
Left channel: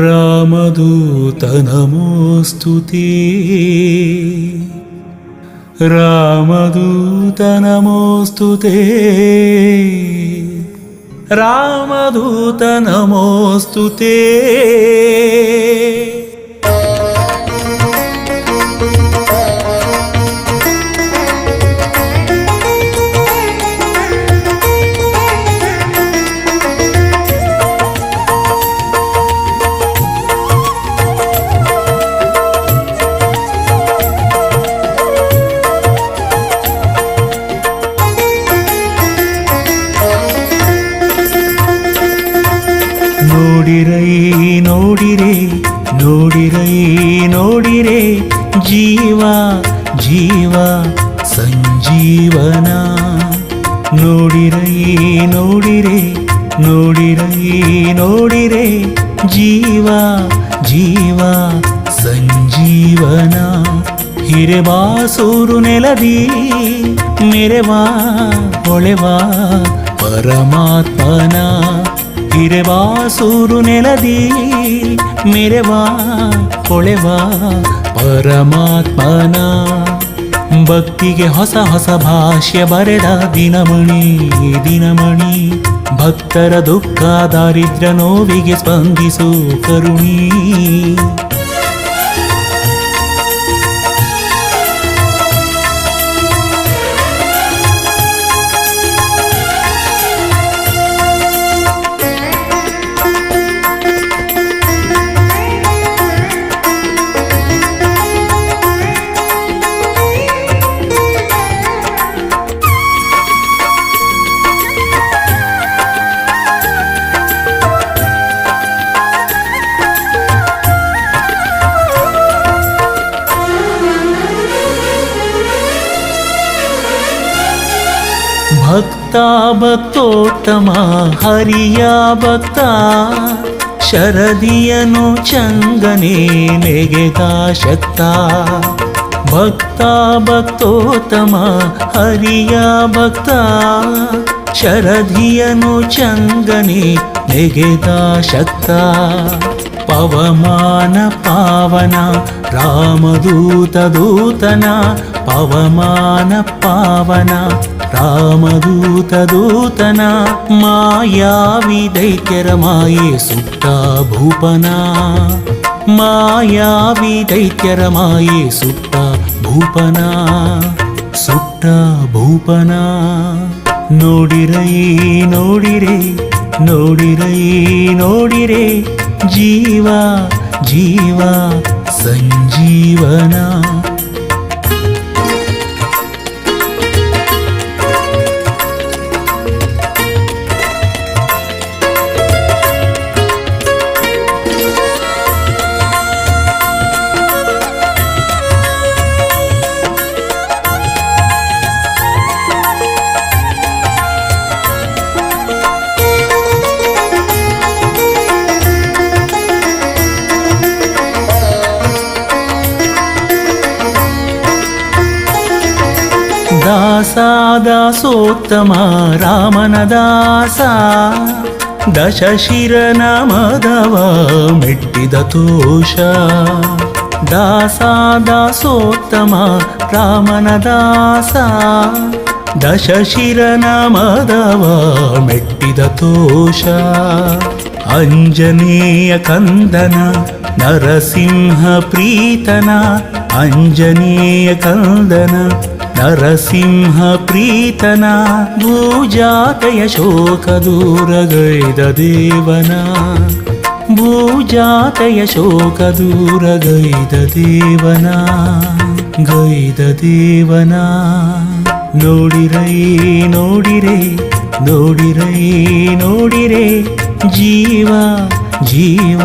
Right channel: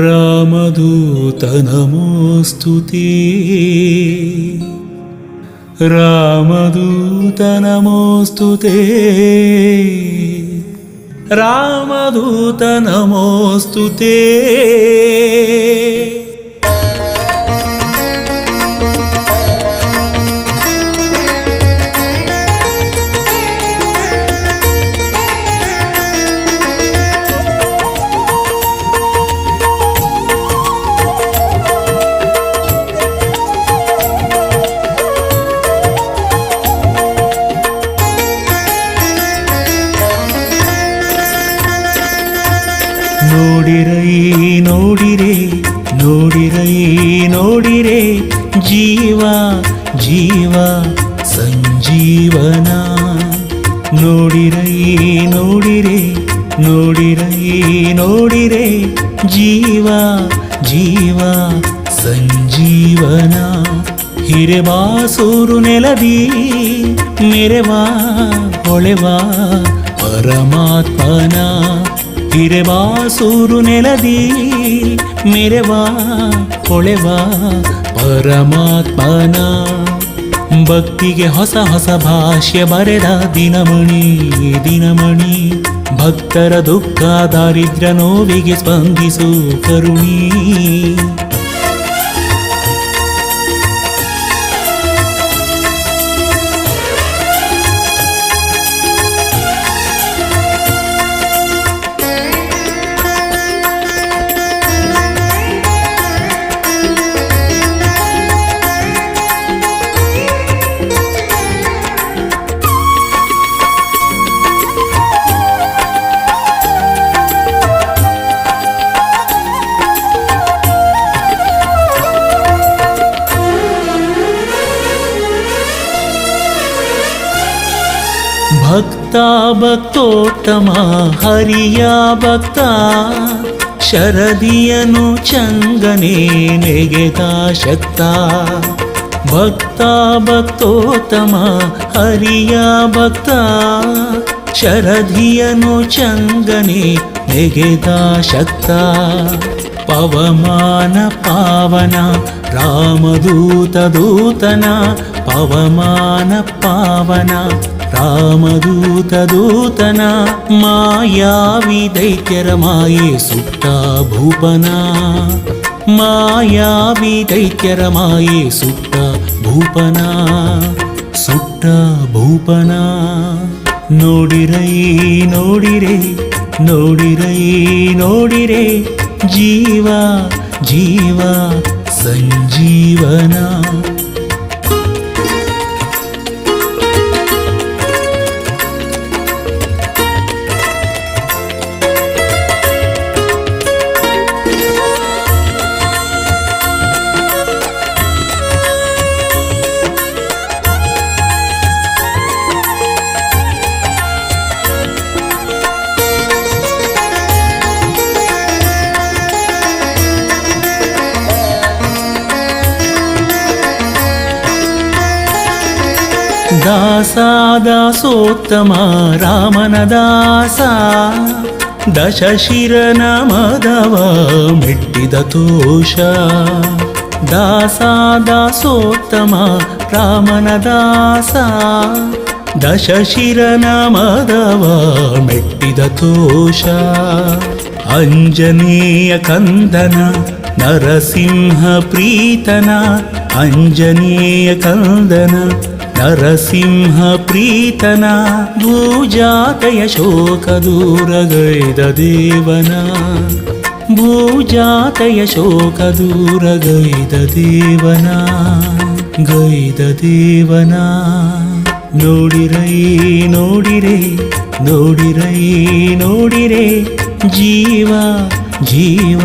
रामदूत नमोऽस्तु ते रामदूत नमोऽस्तु ते ರಾಮದೂತ ನಮೋಸ್ತುತೇ ನೋಡಿರೈ ನೋಡಿರೆ ನೋಡಿರೈ ನೋಡಿರೆ ಜೀವ ಜೀವ ಸಂಜೀವನ ನೋಡಿರೈ ನೋಡಿರೆ ನೋಡಿರೈ ನೋಡಿರೆ ಜೀವ ಜೀವ ಸಂಜೀವನ ಹಿರೆಬಾಸೂರು ನೆಲದಿ ಮೆರೆವಾ ಹೊಳೆವಾ ಪರಮಾತ್ಮನ ಹಿರೆಬಾಸೂರು ನೆಲದಿ ಮೆರೆವಾ ಹೊಳೆವಾ ಪರಮಾತ್ಮನ ಭಕ್ತಿಗೆ ಹೊಸ ಹೊಸ ಭಾಷ್ಯ ಬರೆದ ದಿನಮಣಿ ದಿನಮಣಿ ಭಕ್ತರ ದುಃಖ ದಾರಿದ್ರ್ಯ ನೋವಿಗೆ ಸ್ಪಂದಿಸು ಕರುಣಿ ಭಕ್ತ ಭಕ್ತೋತ್ತಮ ಹರಿಯ ಭಕ್ತ ಶರದಿಯನು ಚಂಗನೆ ನೆಗೆದ ಶಕ್ತ ಭಕ್ತ ಭಕ್ತೋತ್ತಮ ಹರಿಯ ಭಕ್ತ ಶರದಿಯನು ಚಂಗನೆ ನೆಗೆದ ಶಕ್ತ ಪವಮಾನ ಪಾವನ ರಾಮದೂತ ದೂತನ ಪವಮಾನ ಪಾವನ ರಾಮದೂತ ದೂತನ ಮಾಯಾವಿ ದೈತ್ಯರ ಮಾಯೆ ಸುಟ್ಟ ಭೂಪನ ಮಾಯಾವಿ ದೈತ್ಯರ ಮಾಯೆ ಸುಟ್ಟ ಭೂಪನ ಸುಟ್ಟ ಭೂಪನ ನೋಡಿರೈ ನೋಡಿರೆ ನೋಡಿರೈ ನೋಡಿರೆ ಜೀವ ಜೀವ ಸಂಜೀವನ. ದಾಸೋತ್ತಮ ರಾಮನ ದಾಸ, ದಶಶಿರನ ಮದವ ಮೆಟ್ಟಿದ ತೋಷ. ದಾಸೋತ್ತಮ ರಾಮನ ದಾಸ, ದಶಶಿರನ ಮದವ ಮೆಟ್ಟಿದ ತೋಷ. ಅಂಜನೇಯ ಕಂದನ ನರಸಿಂಹ ಪ್ರೀತನ, ಅಂಜನೇಯ ಕಂದನ ನರಸಿಂಹ ಪ್ರೀತನ. ಭೂಜಾತೆಯ ಶೋಕ ದೂರಗೈದ ದೇವನ, ಭೂಜಾತೆಯ ಶೋಕ ದೂರಗೈದ ದೇವನ, ಗೈದ ದೇವನ. ನೋಡಿರೈ ನೋಡಿರೆ, ನೋಡಿರೈ ನೋಡಿರೆ, ಜೀವ ಜೀವ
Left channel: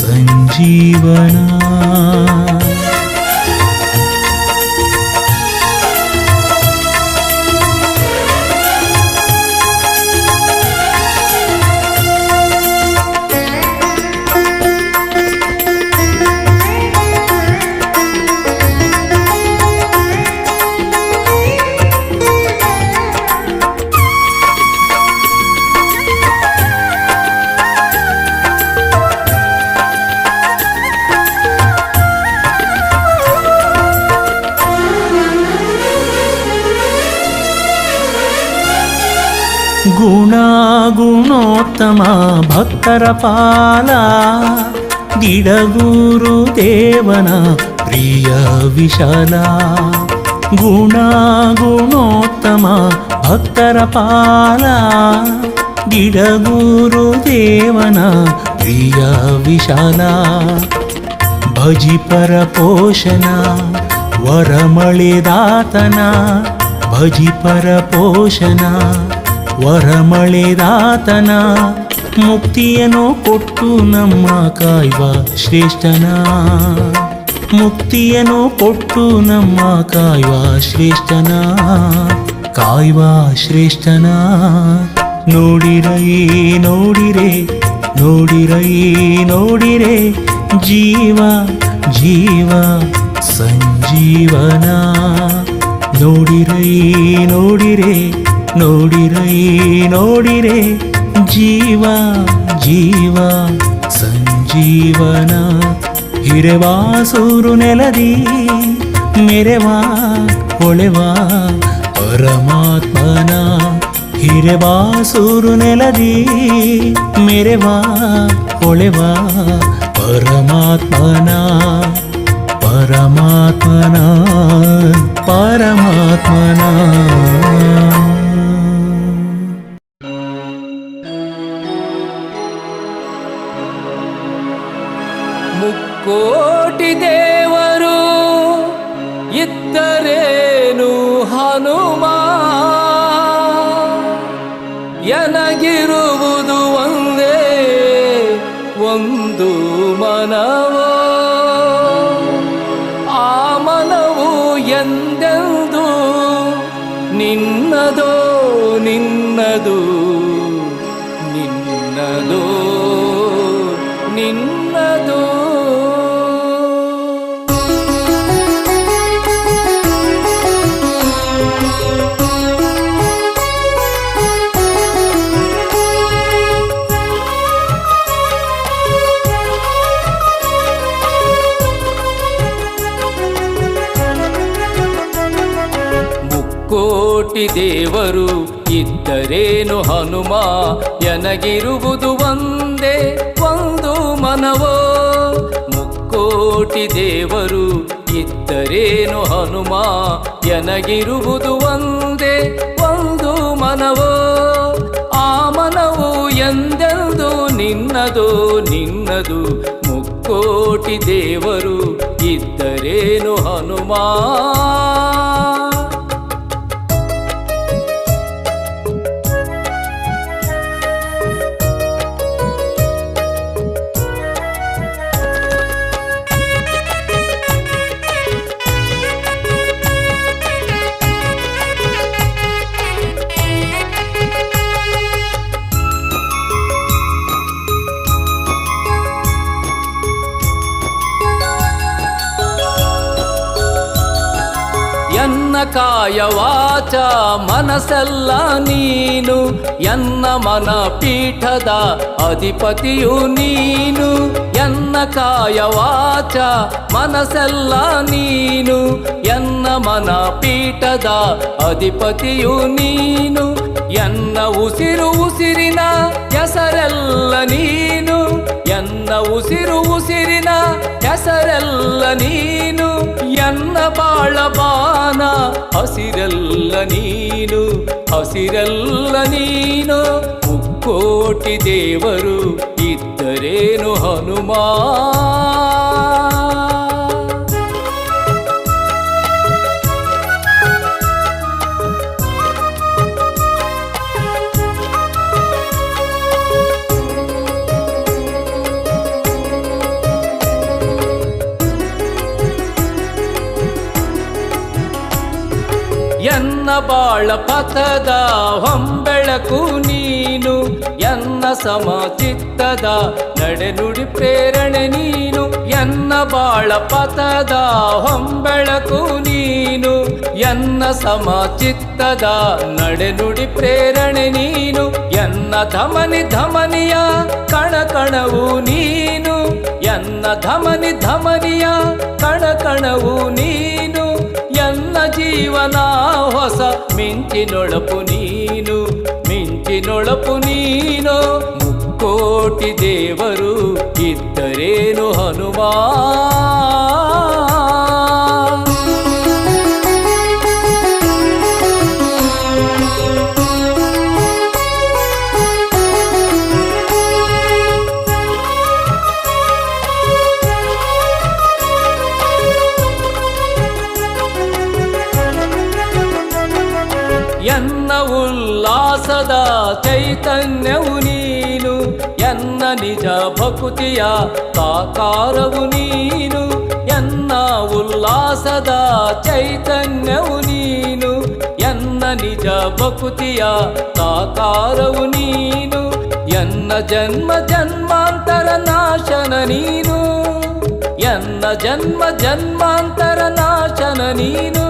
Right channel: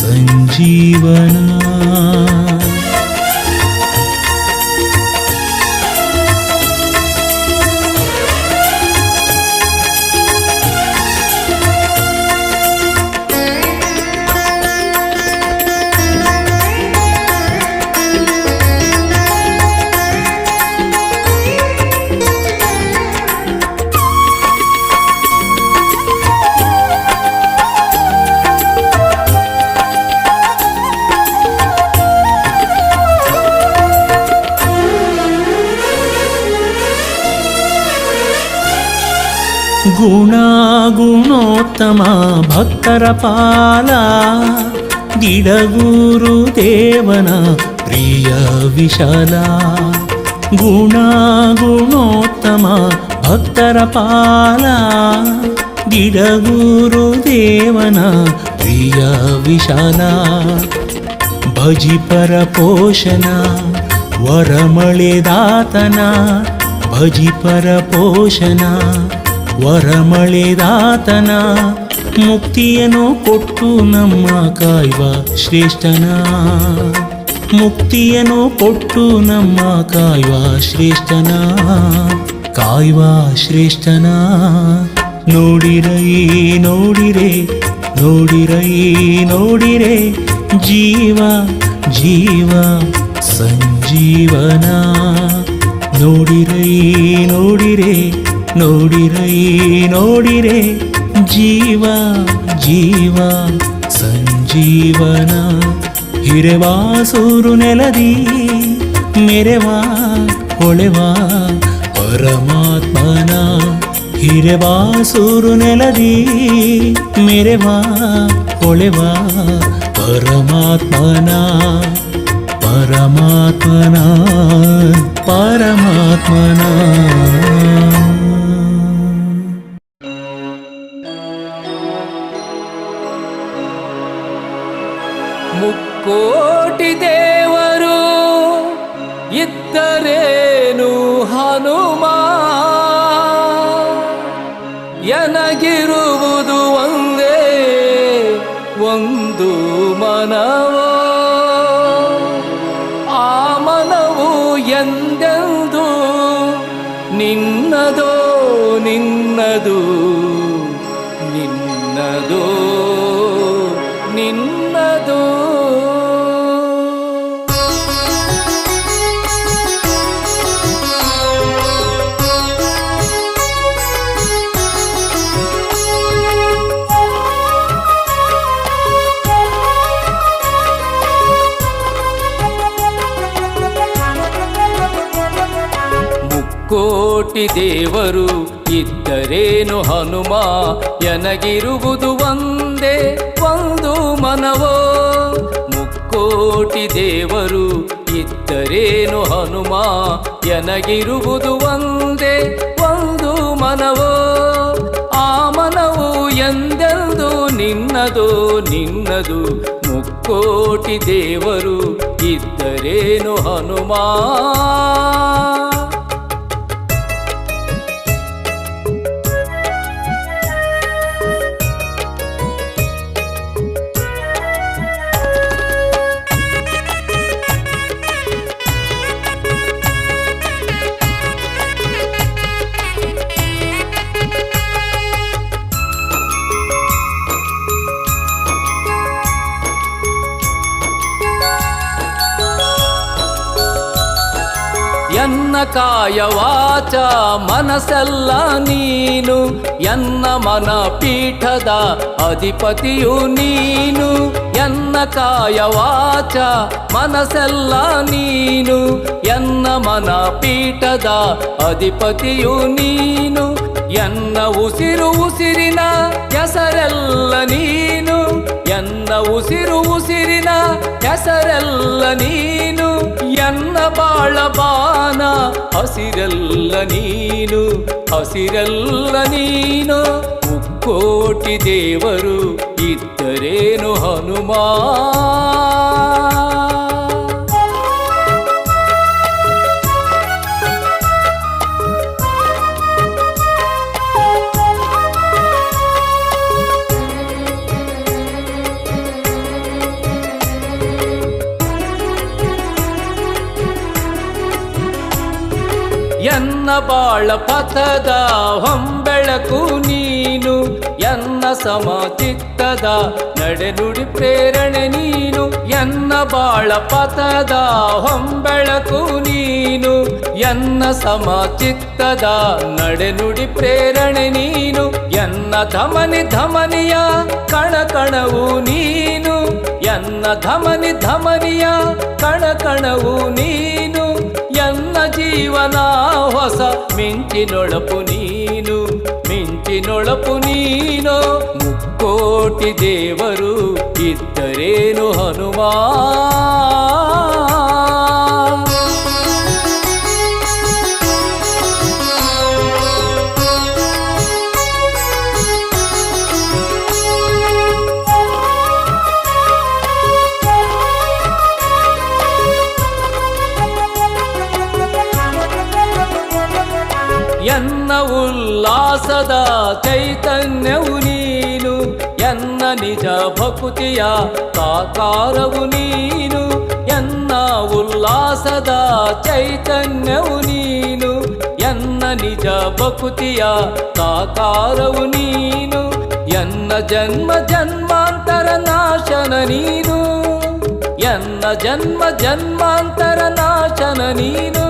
ಸಂಜೀವನ. ಗುಣೋತ್ತಮ ಭಕ್ತರ ಪಾಲ, ದಿಡಗೂರು ದೇವನ ಪ್ರಿಯ ವಿಶಾಲ. ಗುಣೋತ್ತಮ ಭಕ್ತರ ಪಾಲ, ದಿಡಗೂರು ದೇವನ ಪ್ರಿಯ ವಿಶಾಲ. ಭಜಿಪರ ಪೋಷಣ ವರಮಳೆದಾತನ, ಭಜಿಪರ ಪೋಷಣ ವರಮಳೆದಾತನ. ಮುಕ್ತಿಯನ್ನು ಕೊಟ್ಟು ನಮ್ಮ ಕಾಯ್ವ ಶ್ರೇಷ್ಠನ, ಮುಕ್ತಿಯನ್ನು ಕೊಟ್ಟು ನಮ್ಮ ಕಾಯ್ವ ಶ್ರೇಷ್ಠನ, ಕಾಯ್ವ ಶ್ರೇಷ್ಠನ. ನೋಡಿರೈ ನೋಡಿರೆ, ನೋಡಿರೈ ನೋಡಿರೆ, ಜೀವ ಜೀವ ಸಂಜೀವನ. ನೋಡಿರೈ ನೋಡಿರೆ, ನೋಡಿರೈ ನೋಡಿರೆ, ಜೀವ ಜೀವ ಸಂಜೀವನ. ಹಿರೆವಾಸೂರು ನೆಲದಿ ಮೆರೆವಾ ಹೊಳೆವಾ ಪರಮಾತ್ಮನ. ಹಿರೆವಾಸೂರು ನೆಲದಿ ಮೆರೆವಾ ಹೊಳೆವಾ ಪರಮಾತ್ಮನ, ಪರಮಾತ್ಮನ, ಪರಮಾತ್ಮನ. ಮುಕ್ಕೋಟಿ ದೇವರು ಇದ್ದರೇನು ಹನುಮ, ಎನಗಿರುವುದು ಒಂದೇ ಒಂದು ಮನವೋ. ಆ ಮನವು ಎಂದೆಂದು ನಿನ್ನದೋ ನಿನ್ನದು, ನಿನ್ನದೋ ನಿನ್ನದೋ. ಮುಕ್ಕೋಟಿ ದೇವರು ಇದ್ದರೇನು ಹನುಮ, ಎನಗಿರುವುದು ಒಂದೇ ಒಂದು ಮನವೋ. ಮುಕ್ಕೋಟಿ ದೇವರು ಇದ್ದರೇನು ಹನುಮ, ಎನಗಿರುವುದು ಒಂದೇ ಒಂದು ಮನವೋ. ಆ ಮನವು ಎಂದೆಂದು ನಿನ್ನದು ನಿನ್ನದು. ಮುಕ್ಕೋಟಿ ಮುಕ್ಕೋಟಿ ದೇವರು ಇದ್ದರೇನು ಹನುಮ. ಎನ್ನ ಕಾಯ ವಾಚ ಮನಸ್ಸೆಲ್ಲ ನೀನು, ಎನ್ನ ಮನ ಪೀಠದ ಅಧಿಪತಿಯು ನೀನು. ಎನ್ನ ಕಾಯ ವಾಚ ಮನಸ್ಸೆಲ್ಲ ನೀನು, ಎನ್ನ ಮನ ಪೀಠದ ಅಧಿಪತಿಯು ನೀನು. ಎನ್ನ ಉಸಿರು ಉಸಿರಿನ ಹೆಸರೆಲ್ಲ ನೀನು, ಎನ್ನ ಉಸಿರು ಉಸಿರಿನ ಹೆಸರೆಲ್ಲ ನೀನು. ಎನ್ನ ಬಾಳ ಬಾನ ಹಸಿರೆಲ್ಲ ನೀನು, ಹಸಿರೆಲ್ಲ ನೀನು. ಮುಕ್ಕೋಟಿ ದೇವರು ಇದ್ದರೇನು ಹನುಮ. ಎನ್ನ ಬಾಳ ಪಥದ ಹೊಂಬೆಳಕು ನೀನು, ಎನ್ನ ಸಮಚಿತ್ತದ ನಡೆನುಡಿ ಪ್ರೇರಣೆ ನೀನು. ಎನ್ನ ಬಾಳ ಪಥದ ಹೊಂಬೆಳಕು ನೀನು, ಎನ್ನ ಸಮಚಿತ್ತದ ನಡೆನುಡಿ ಪ್ರೇರಣೆ ನೀನು. ಎನ್ನ ಧಮನಿ ಧಮನಿಯ ಕಣಕಣವು ನೀನು, ಎನ್ನ ಧಮನಿ ಧಮನಿಯ ಕಣಕಣವು ನೀನು. ಎನ್ನ ಜೀವನ ಹೊಸ ಮಿಂಚಿನೊಳಪು ನೀನು, ಮಿಂಚಿನೊಳಪು ನೀನು. ಮುಕ್ಕೋಟಿ ದೇವರು ಇದ್ದರೇನು ಹನುಮ. ಎನ್ನ ಉಲ್ಲಾಸದ ಚೈತನ್ಯವು ನೀನು, ಎನ್ನ ನಿಜ ಭಕುತಿಯ ಸಾಕಾರವು ನೀನು. ಎನ್ನ ಉಲ್ಲಾಸದ ಚೈತನ್ಯವು ನೀನು, ಎನ್ನ ನಿಜ ಭಕುತಿಯ ಸಾಕಾರವು ನೀನು. ಎನ್ನ ಜನ್ಮ ಜನ್ಮಾಂತರ ನಾಶನ ನೀನು, ಎನ್ನ ಜನ್ಮ ಜನ್ಮಾಂತರ ನಾಶನ ನೀನು.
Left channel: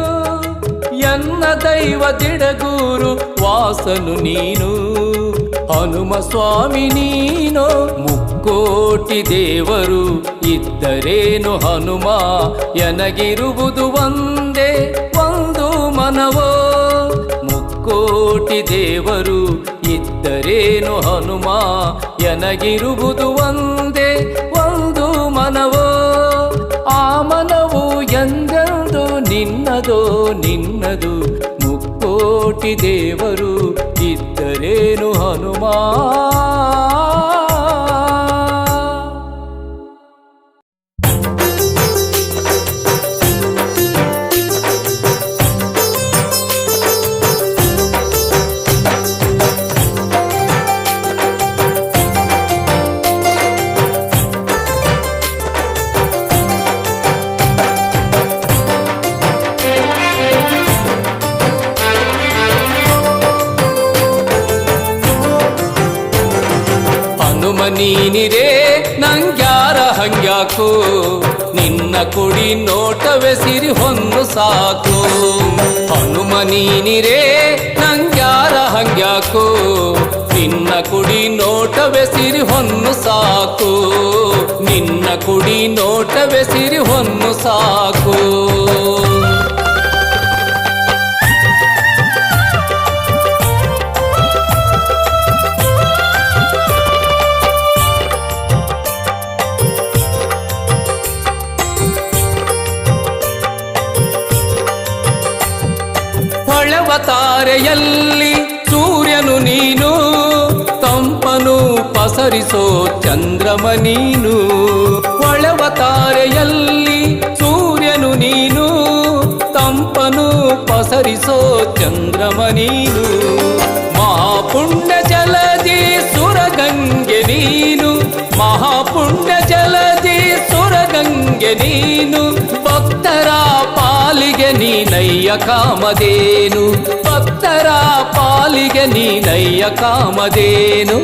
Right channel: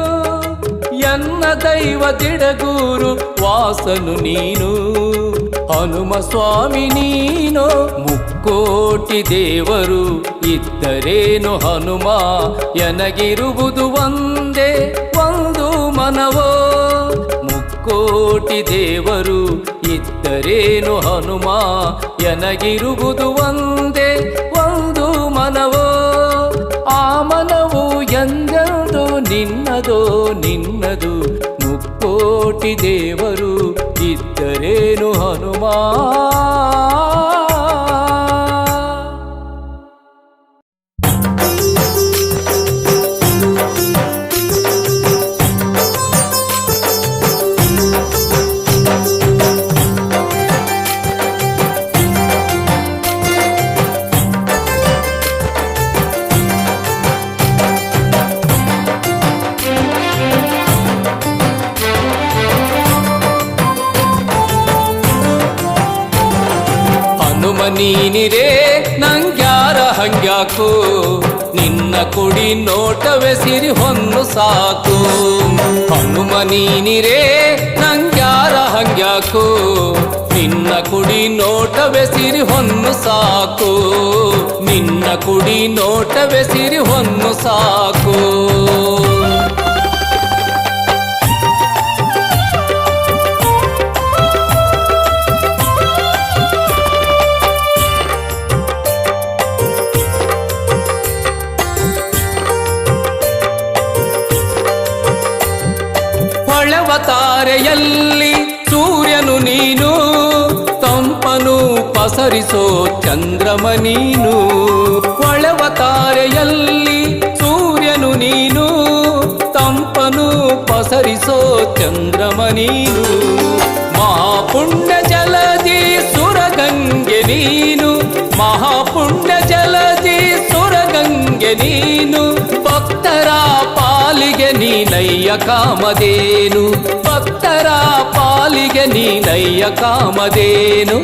ಎನ್ನ ದೈವ ದಿಡಗೂರು ವಾಸನು ನೀನು, ಹನುಮ ಸ್ವಾಮಿ ನೀನು. ಮುಕ್ಕೋಟಿ ದೇವರು ಇದ್ದರೇನು ಹನುಮ. ಎನಗಿರುವುದು ಒಂದೇ ಒಂದು ಮನವೋ. ಮುಕ್ಕೋಟಿ ದೇವರು ಇದ್ದರೇನು ಹನುಮ. ಎನಗಿರುವುದು ಒಂದೇ ಒಂದು ಮನವೋ. ಆ ಮನವು ಎಂದೆಂದು ನಿನ್ನದೋ ನಿನ್ನದು. ಮುಕ್ಕೋಟಿ ದೇವರು ಇದ್ದರೇನು ಹನುಮ. ಹನುಮ ನೀನಿರೇ ನಂಗ್ಯಾರ ಹಂಗ್ಯಾಕು, ನಿನ್ನ ಕುಡಿ ನೋಟವೇ ಸಿರಿ ಹೊನ್ನು ಸಾಕು. ಹನುಮ ನೀನಿರೇ ನಂಗ್ಯಾರ ಹಂಗ್ಯಾಕು, ನಿನ್ನ ಕುಡಿ ನೋಟವೇ ಸಿರಿ ಹೊನ್ನು ಸಾಕು. ನಿನ್ನ ಕುಡಿ ನೋಟವೇ ಸಿರಿ ಹೊನ್ನು ಸಾಕು. ಹೊಳೆವ ತಾರೆಯಲ್ಲಿ ಸೂರ್ಯನು ನೀನು, ತಂಪನು ಪಸರಿಸೋ ಚಂದ್ರಮ ನೀನು. ಹೊಳೆವ ತಾರೆಯಲ್ಲಿ ಸೂರ್ಯನು ನೀನು, ತಂಪನು ಪಸರಿಸೋ ಚಂದ್ರಮ ನೀನು. ಮಹಾಪುಣ್ಯ ಜಲದಿ ಸುರಗಂಗೆ ನೀನು, ಮಹಾಪುಣ್ಯ ಜಲದಿ ಸುರಗಂಗೆ ನೀನು. ಭಕ್ತರ ಪಾಲಿಗೆ ನೀನಯ್ಯ ಕಾಮಧೇನು, ಭಕ್ತರ ಪಾಲಿಗೆ ನೀನಯ್ಯ ಕಾಮಧೇನು.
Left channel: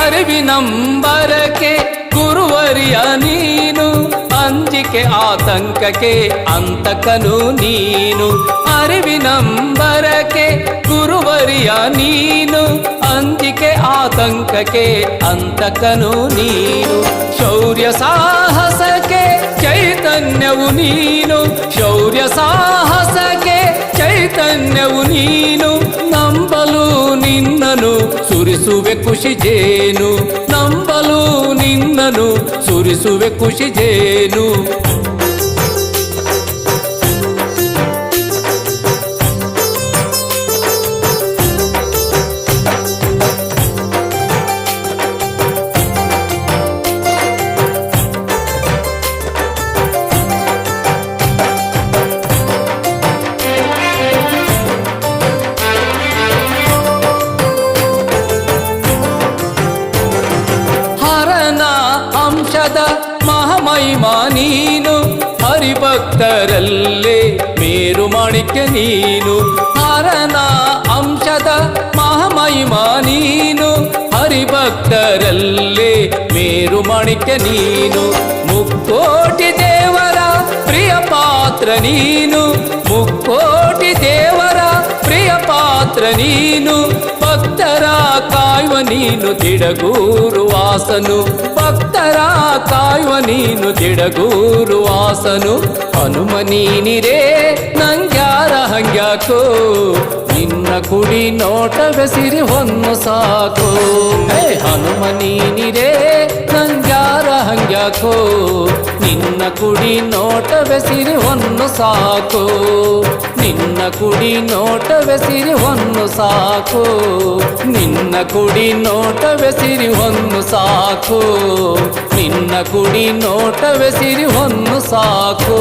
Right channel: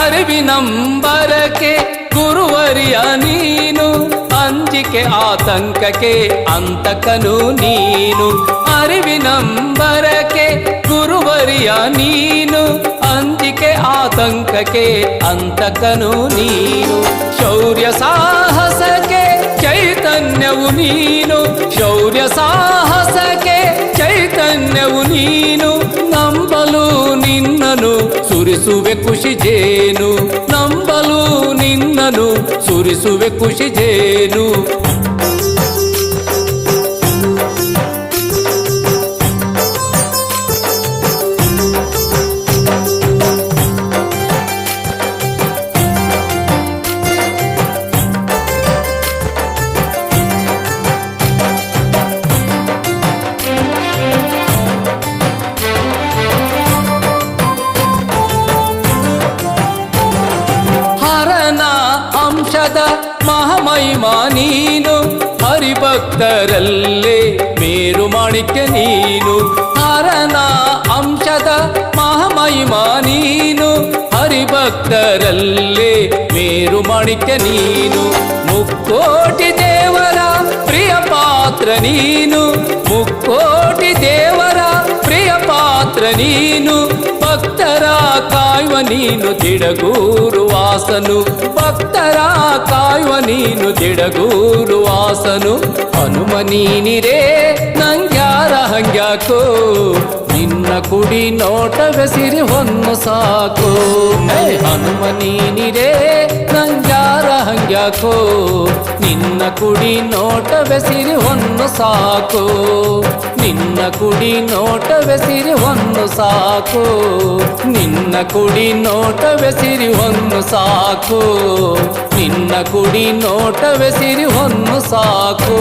ಅರಿವಿನಂಬರಕ್ಕೆ ಗುರುವರಿಯ ನೀನು, ಅಂಜಿಕೆ ಆತಂಕಕ್ಕೆ ಅಂತಕನು ನೀನು. ಅರಿವಿನಂಬರಕ್ಕೆ ಗುರುವರಿಯ ನೀನು, ಅಂಜಿಕೆ ಆತಂಕಕ್ಕೆ ಅಂತಕನು ನೀನು. ಶೌರ್ಯ ಸಾಹಸಕ್ಕೆ ಚೈತನ್ಯವು ನೀನು, ಶೌರ್ಯ ಸಾಹಸಕ್ಕೆ ಚೈತನ್ಯವು ನೀನು. ನಂಬಲು ನಿನ್ನನು ಸುರಿಸುವೆ ಖುಷಿ ಜೇನು, ನಂಬಲು ನಿನ್ನನು ಸುರಿಸುವೆ ಖುಷಿ ಜೇನು. ಹರನ ಅಂಶದ ಮಹಾಮಹಿಮಾ ನೀನು, ಹರಿಭಕ್ತರಲ್ಲೇ ಮೇರು ಮಾಣಿಕ್ಯ ನೀನು. ಹರನ ಅಂಶದ ಮಹಾಮಹಿಮಾ ನೀನು, ಹರಿಭಕ್ತರಲ್ಲೇ ಮೇರು ಮಾಣಿಕ್ಯ ನೀನು. ಮುಕ್ಕೋಟಿ ದೇವರ ಪ್ರಿಯ ಪಾತ್ರ ನೀನು, ಮುಕ್ಕೋಟಿ ದೇವರ ಪ್ರಿಯ ಪಾತ್ರ ನೀನು. ಭಕ್ತರ ಕಾಯುವ ನೀನು ದಿಡಗೂರು ವಾಸನು, ಭಕ್ತರ ಕಾಯುವ ನೀನು ದಿಡಗೂರು ವಾಸನು. ಹನುಮ ನೀನಿರೇ ನಂಗ್ಯಾರ ಹಂಗ್ಯಾಕೋ, ನಿನ್ನ ಕುಡಿ ನೋಟವೇ ಸಿರಿ ಹೊನ್ನು ಸಾಕು. ಹೇ ಹನುಮ ನೀನಿರೇ ನಂಗ್ಯಾರ ಹಂಗ್ಯಾಕೋ, ನಿನ್ನ ಕುಡಿ ನೋಟವೇ ಸಿರಿ ಹೊನ್ನು ಸಾಕು. ನಿನ್ನ ಕುಡಿ ನೋಟವೇ ಸಿರಿ ಹೊನ್ನು ಸಾಕು, ನಿನ್ನ ಕುಡಿ ನೋಟವೇ ಸಿರಿ ಹೊನ್ನು ಸಾಕು, ನಿನ್ನ ಕುಡಿ ನೋಟವೇ ಸಿರಿ ಹೊನ್ನು ಸಾಕು.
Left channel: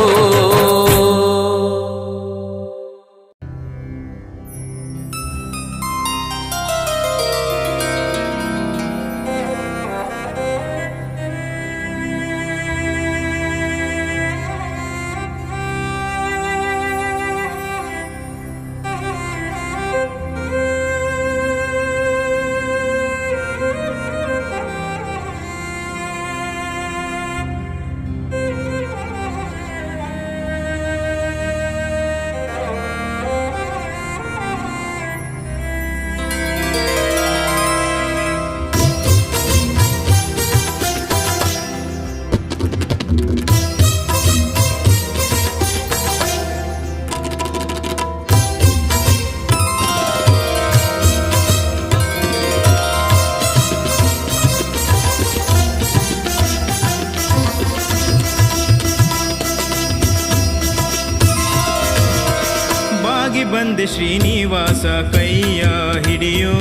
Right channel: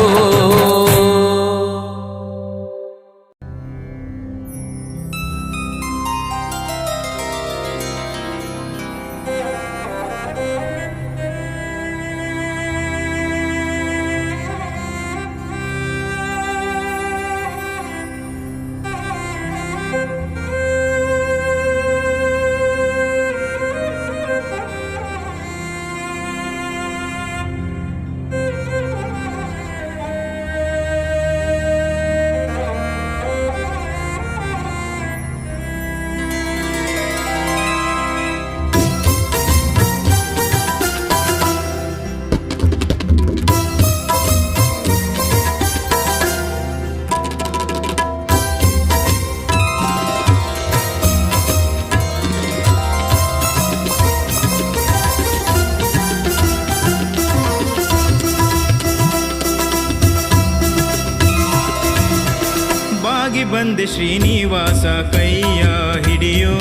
ಬಾಗಿ ಬಂದೆ ಶ್ರೀನಿವಾಸ ಕೈಯ ಹಿಡಿಯೋ,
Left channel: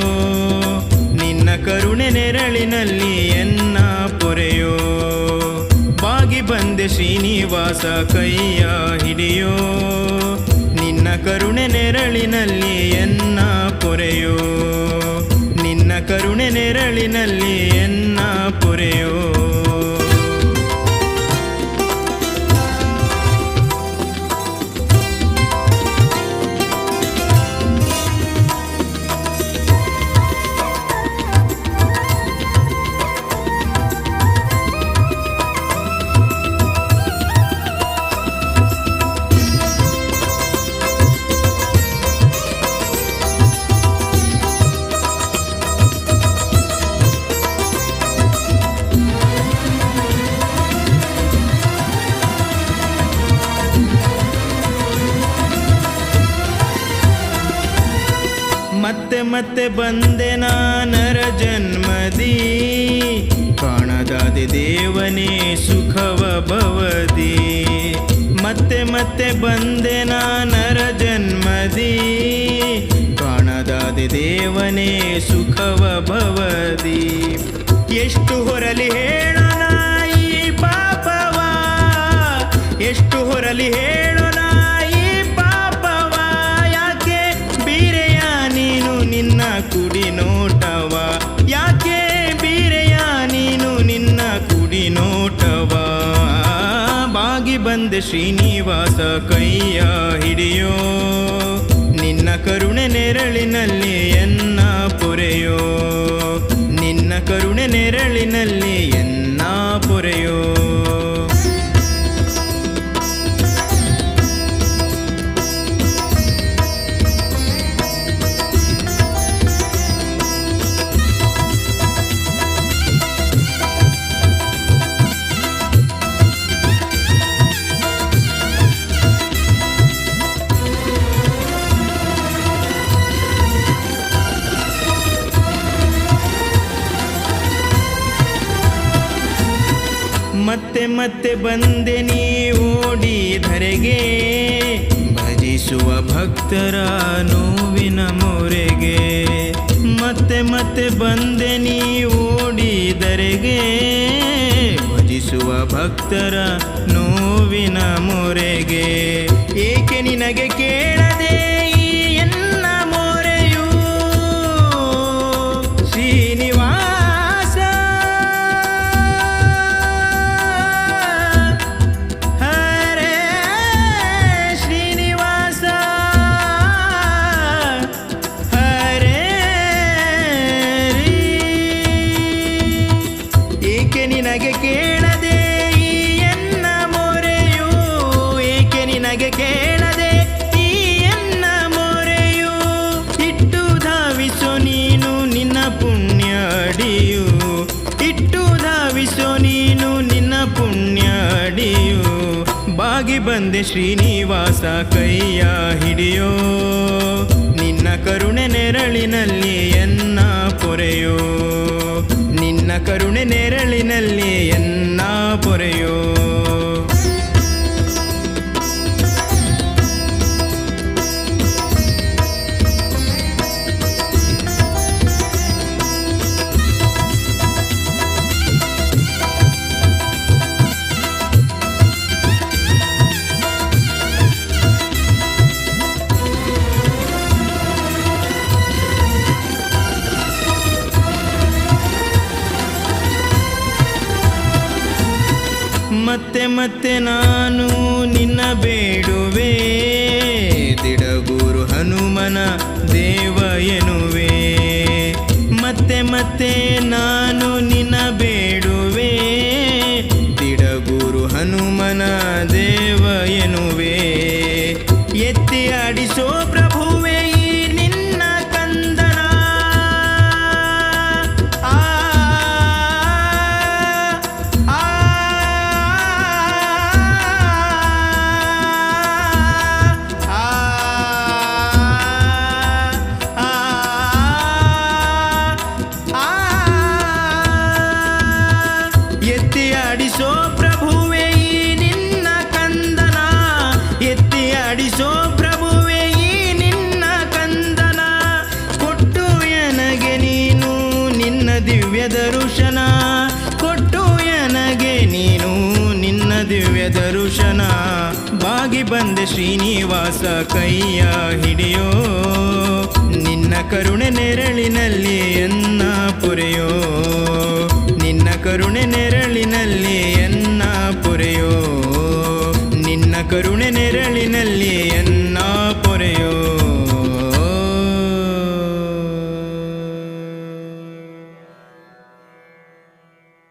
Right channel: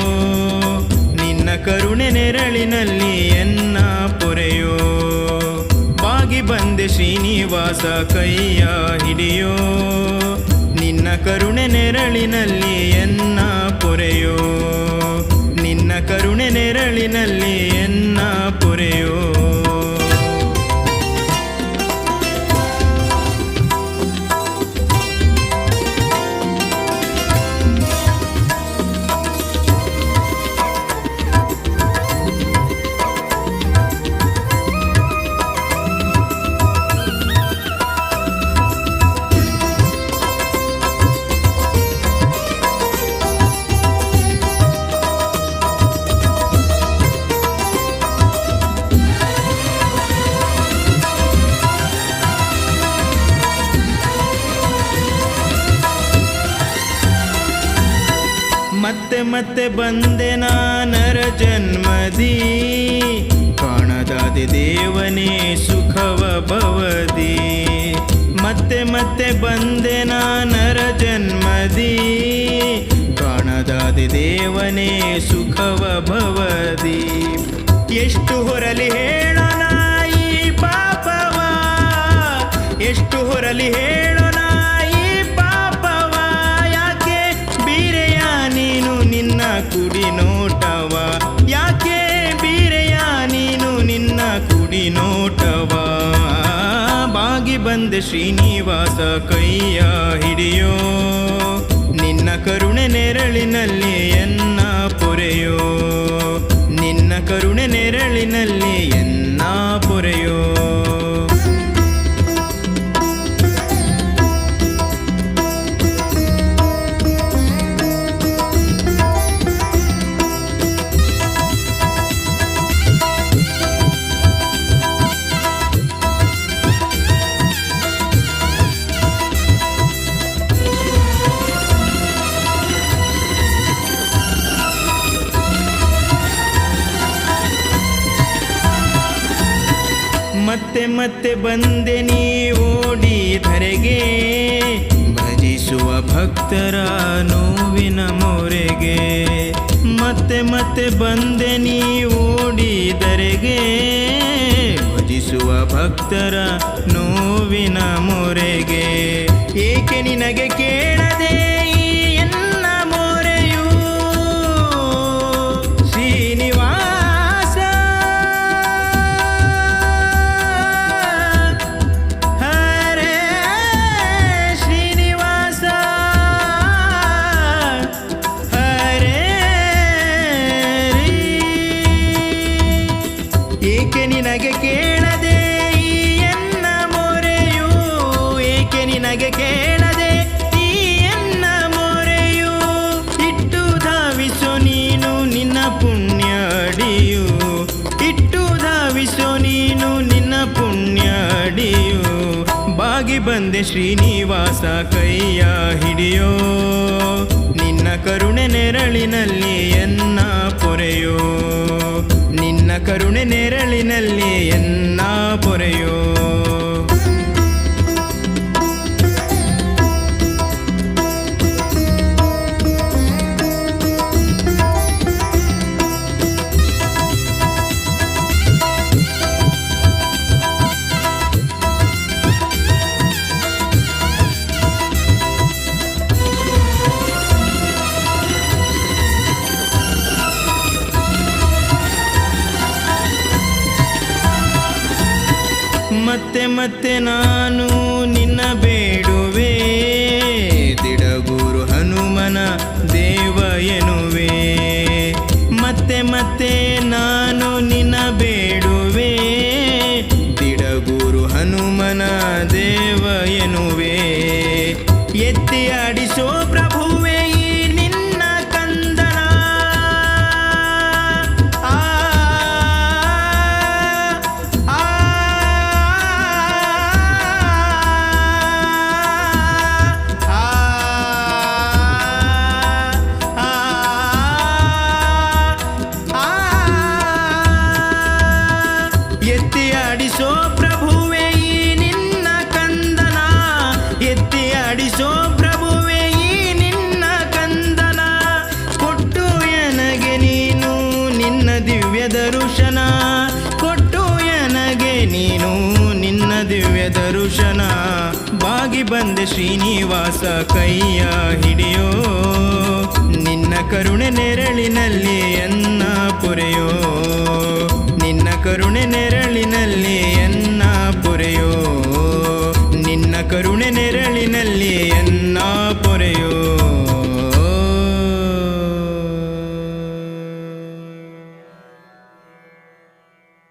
ನಿನ್ನ ಕರುಣೆ ನೆರಳಿನಲ್ಲಿ ಎನ್ನ ಪೊರೆಯೋ. ಬಾಗಿ ಬಂದೆ ಶ್ರೀನಿವಾಸ ಕೈಯ ಹಿಡಿಯೋ, ನಿನ್ನ ಕರುಣೆ ನೆರಳಿನಲ್ಲಿ ಎನ್ನ ಪೊರೆಯೋ. ನಿನ್ನ ಕರುಣೆ ನೆರಳಿನಲ್ಲಿ ಎನ್ನ ಪೊರೆಯೋ. ಮತ್ತೆ ಮತ್ತೆ ಬಂದೆ ನಾನರ ಜನ್ಮದಿ ಕಾಣದಾದೆ ದೇವನೇ ಸುಖವ ಭವದಿ. ಮತ್ತೆ ಮತ್ತೆ ಬಂದೆ ನಾನರ ಜನ್ಮದಿ ಕಾಣದಾದೆ ದೇವನೇ ಸುಖವ ಭವದಿ. ಎಷ್ಟು ಹೊರಲಿ ಹೇಳೋಣ ಈ ಪಾಪವ, ಎಷ್ಟು ಹೊರಲಿ ಹೇಳೋಣ ಈ ಪಾಪವ. ಯಾಕೆ ಬೀರೆಯ ನೀನು ನಿನ್ನ ಕುಡಿ ನೋಟವ, ಯಾಕೆ ಬೀರೆಯ ನೀನು ನಿನ್ನ ಕುಡಿ ನೋಟವ. ಬಾಗಿ ಬಂದೆ ಶ್ರೀನಿವಾಸ ಕೈಯ ಹಿಡಿಯೋ, ನಿನ್ನ ಕರುಣೆ ನೆರಳಿನಲ್ಲಿ ಎನ್ನ ಪೊರೆಯೋ, ನಿನ್ನ ಕರುಣೆ ನೆರಳಿನಲ್ಲಿ ಎನ್ನ ಪೊರೆಯೋ. ಮತ್ತೆ ಮತ್ತೆ ಬಂದೆ ನೀ ಓಡಿ ಧರೆಗೆ, ಭಜಿಸುವ ಭಕ್ತರ ನೋವಿನ ಮೊರೆಗೆ. ಮತ್ತೆ ಮತ್ತೆ ಬಂದೆ ನೀ ಓಡಿ ಧರೆಗೆ, ಭಜಿಸುವ ಭಕ್ತರ ನೋವಿನ ಮೊರೆಗೆ. ಏಕೆ ನಿನಗೆ ಕೇಳದೆ ಈ ಎನ್ನ ಮೊರೆಯು ಶ್ರೀನಿವಾಸ. ಏಕೆ ನಿನಗೆ ಕೇಳದೆ ಈ ಎನ್ನ ಮೊರೆಯು, ಏಕೆ ನಿನಗೆ ಕೇಳದೆ ಈ ಎನ್ನ ಮೊರೆಯು. ಇಟ್ಟು ಧಾವಿಸೋ ನೀನು ನಿನ್ನ ಪುಣ್ಯ ಅಡಿಯು, ಇಟ್ಟು ಧಾವಿಸೋ ನೀನು ನಿನ್ನ ಪುಣ್ಯ ಅಡಿಯು. ಬಾಗಿ ಬಂದೆ ಶ್ರೀನಿವಾಸ ಕೈಯ ಹಿಡಿಯೋ, ನಿನ್ನ ಕರುಣೆ ನೆರಳಿನಲ್ಲಿ ಎನ್ನ ಪೊರೆಯೋ, ನಿನ್ನ ಕರುಣೆ ನೆರಳಿನಲ್ಲಿ ಎನ್ನ ಪೊರೆಯೋ. ಮತ್ತೆ ಮತ್ತೆ ನಾನು ನಿನ್ನ ಬೇಡುವೆ, ದಿಡಗೂರು ಹನುಮನ ದೇವ ಎನ್ನುವೆ. ಮತ್ತೆ ಮತ್ತೆ ನಾನು ನಿನ್ನ ಬೇಡುವೆ, ದಿಡಗೂರು ಹನುಮನ ದೇವ ಎನ್ನುವೆ. ಎತ್ತಿ ಆಡಿಸೋ ಪ್ರಭುವೆ ಈ ನಿನ್ನ ಕಂದನ, ಎತ್ತಿ ಆಡಿಸೋ ಪ್ರಭುವೆ ಈ ನಿನ್ನ ಕಂದನ, ಎತ್ತಿ ಆಡಿಸೋ ಪ್ರಭುವೆ ಈ ನಿನ್ನ ಕಂದನ. ಕೊಟ್ಟು ನನಗೆ ನೀನು ನಿನ್ನ ದಿವ್ಯ ದರ್ಶನ, ಕೊಟ್ಟು ನನಗೆ ನೀನು ನಿನ್ನ ದಿವ್ಯ ದರ್ಶನ. ಬಾಗಿ ಬಂದೆ ಶ್ರೀನಿವಾಸ ಕೈಯ ಹಿಡಿಯೋ, ನಿನ್ನ ಕರುಣೆ ನೆರಳಿನಲ್ಲಿ ಎನ್ನ ಪೊರೆಯೋ, ನಿನ್ನ ಕರುಣೆ ನೆರಳಿನಲ್ಲಿ ಎನ್ನ ಪೊರೆಯೋ, ನಿನ್ನ ಕರುಣೆ ನೆರಳಿನಲ್ಲಿ ಎನ್ನ ಪೊರೆಯೋ.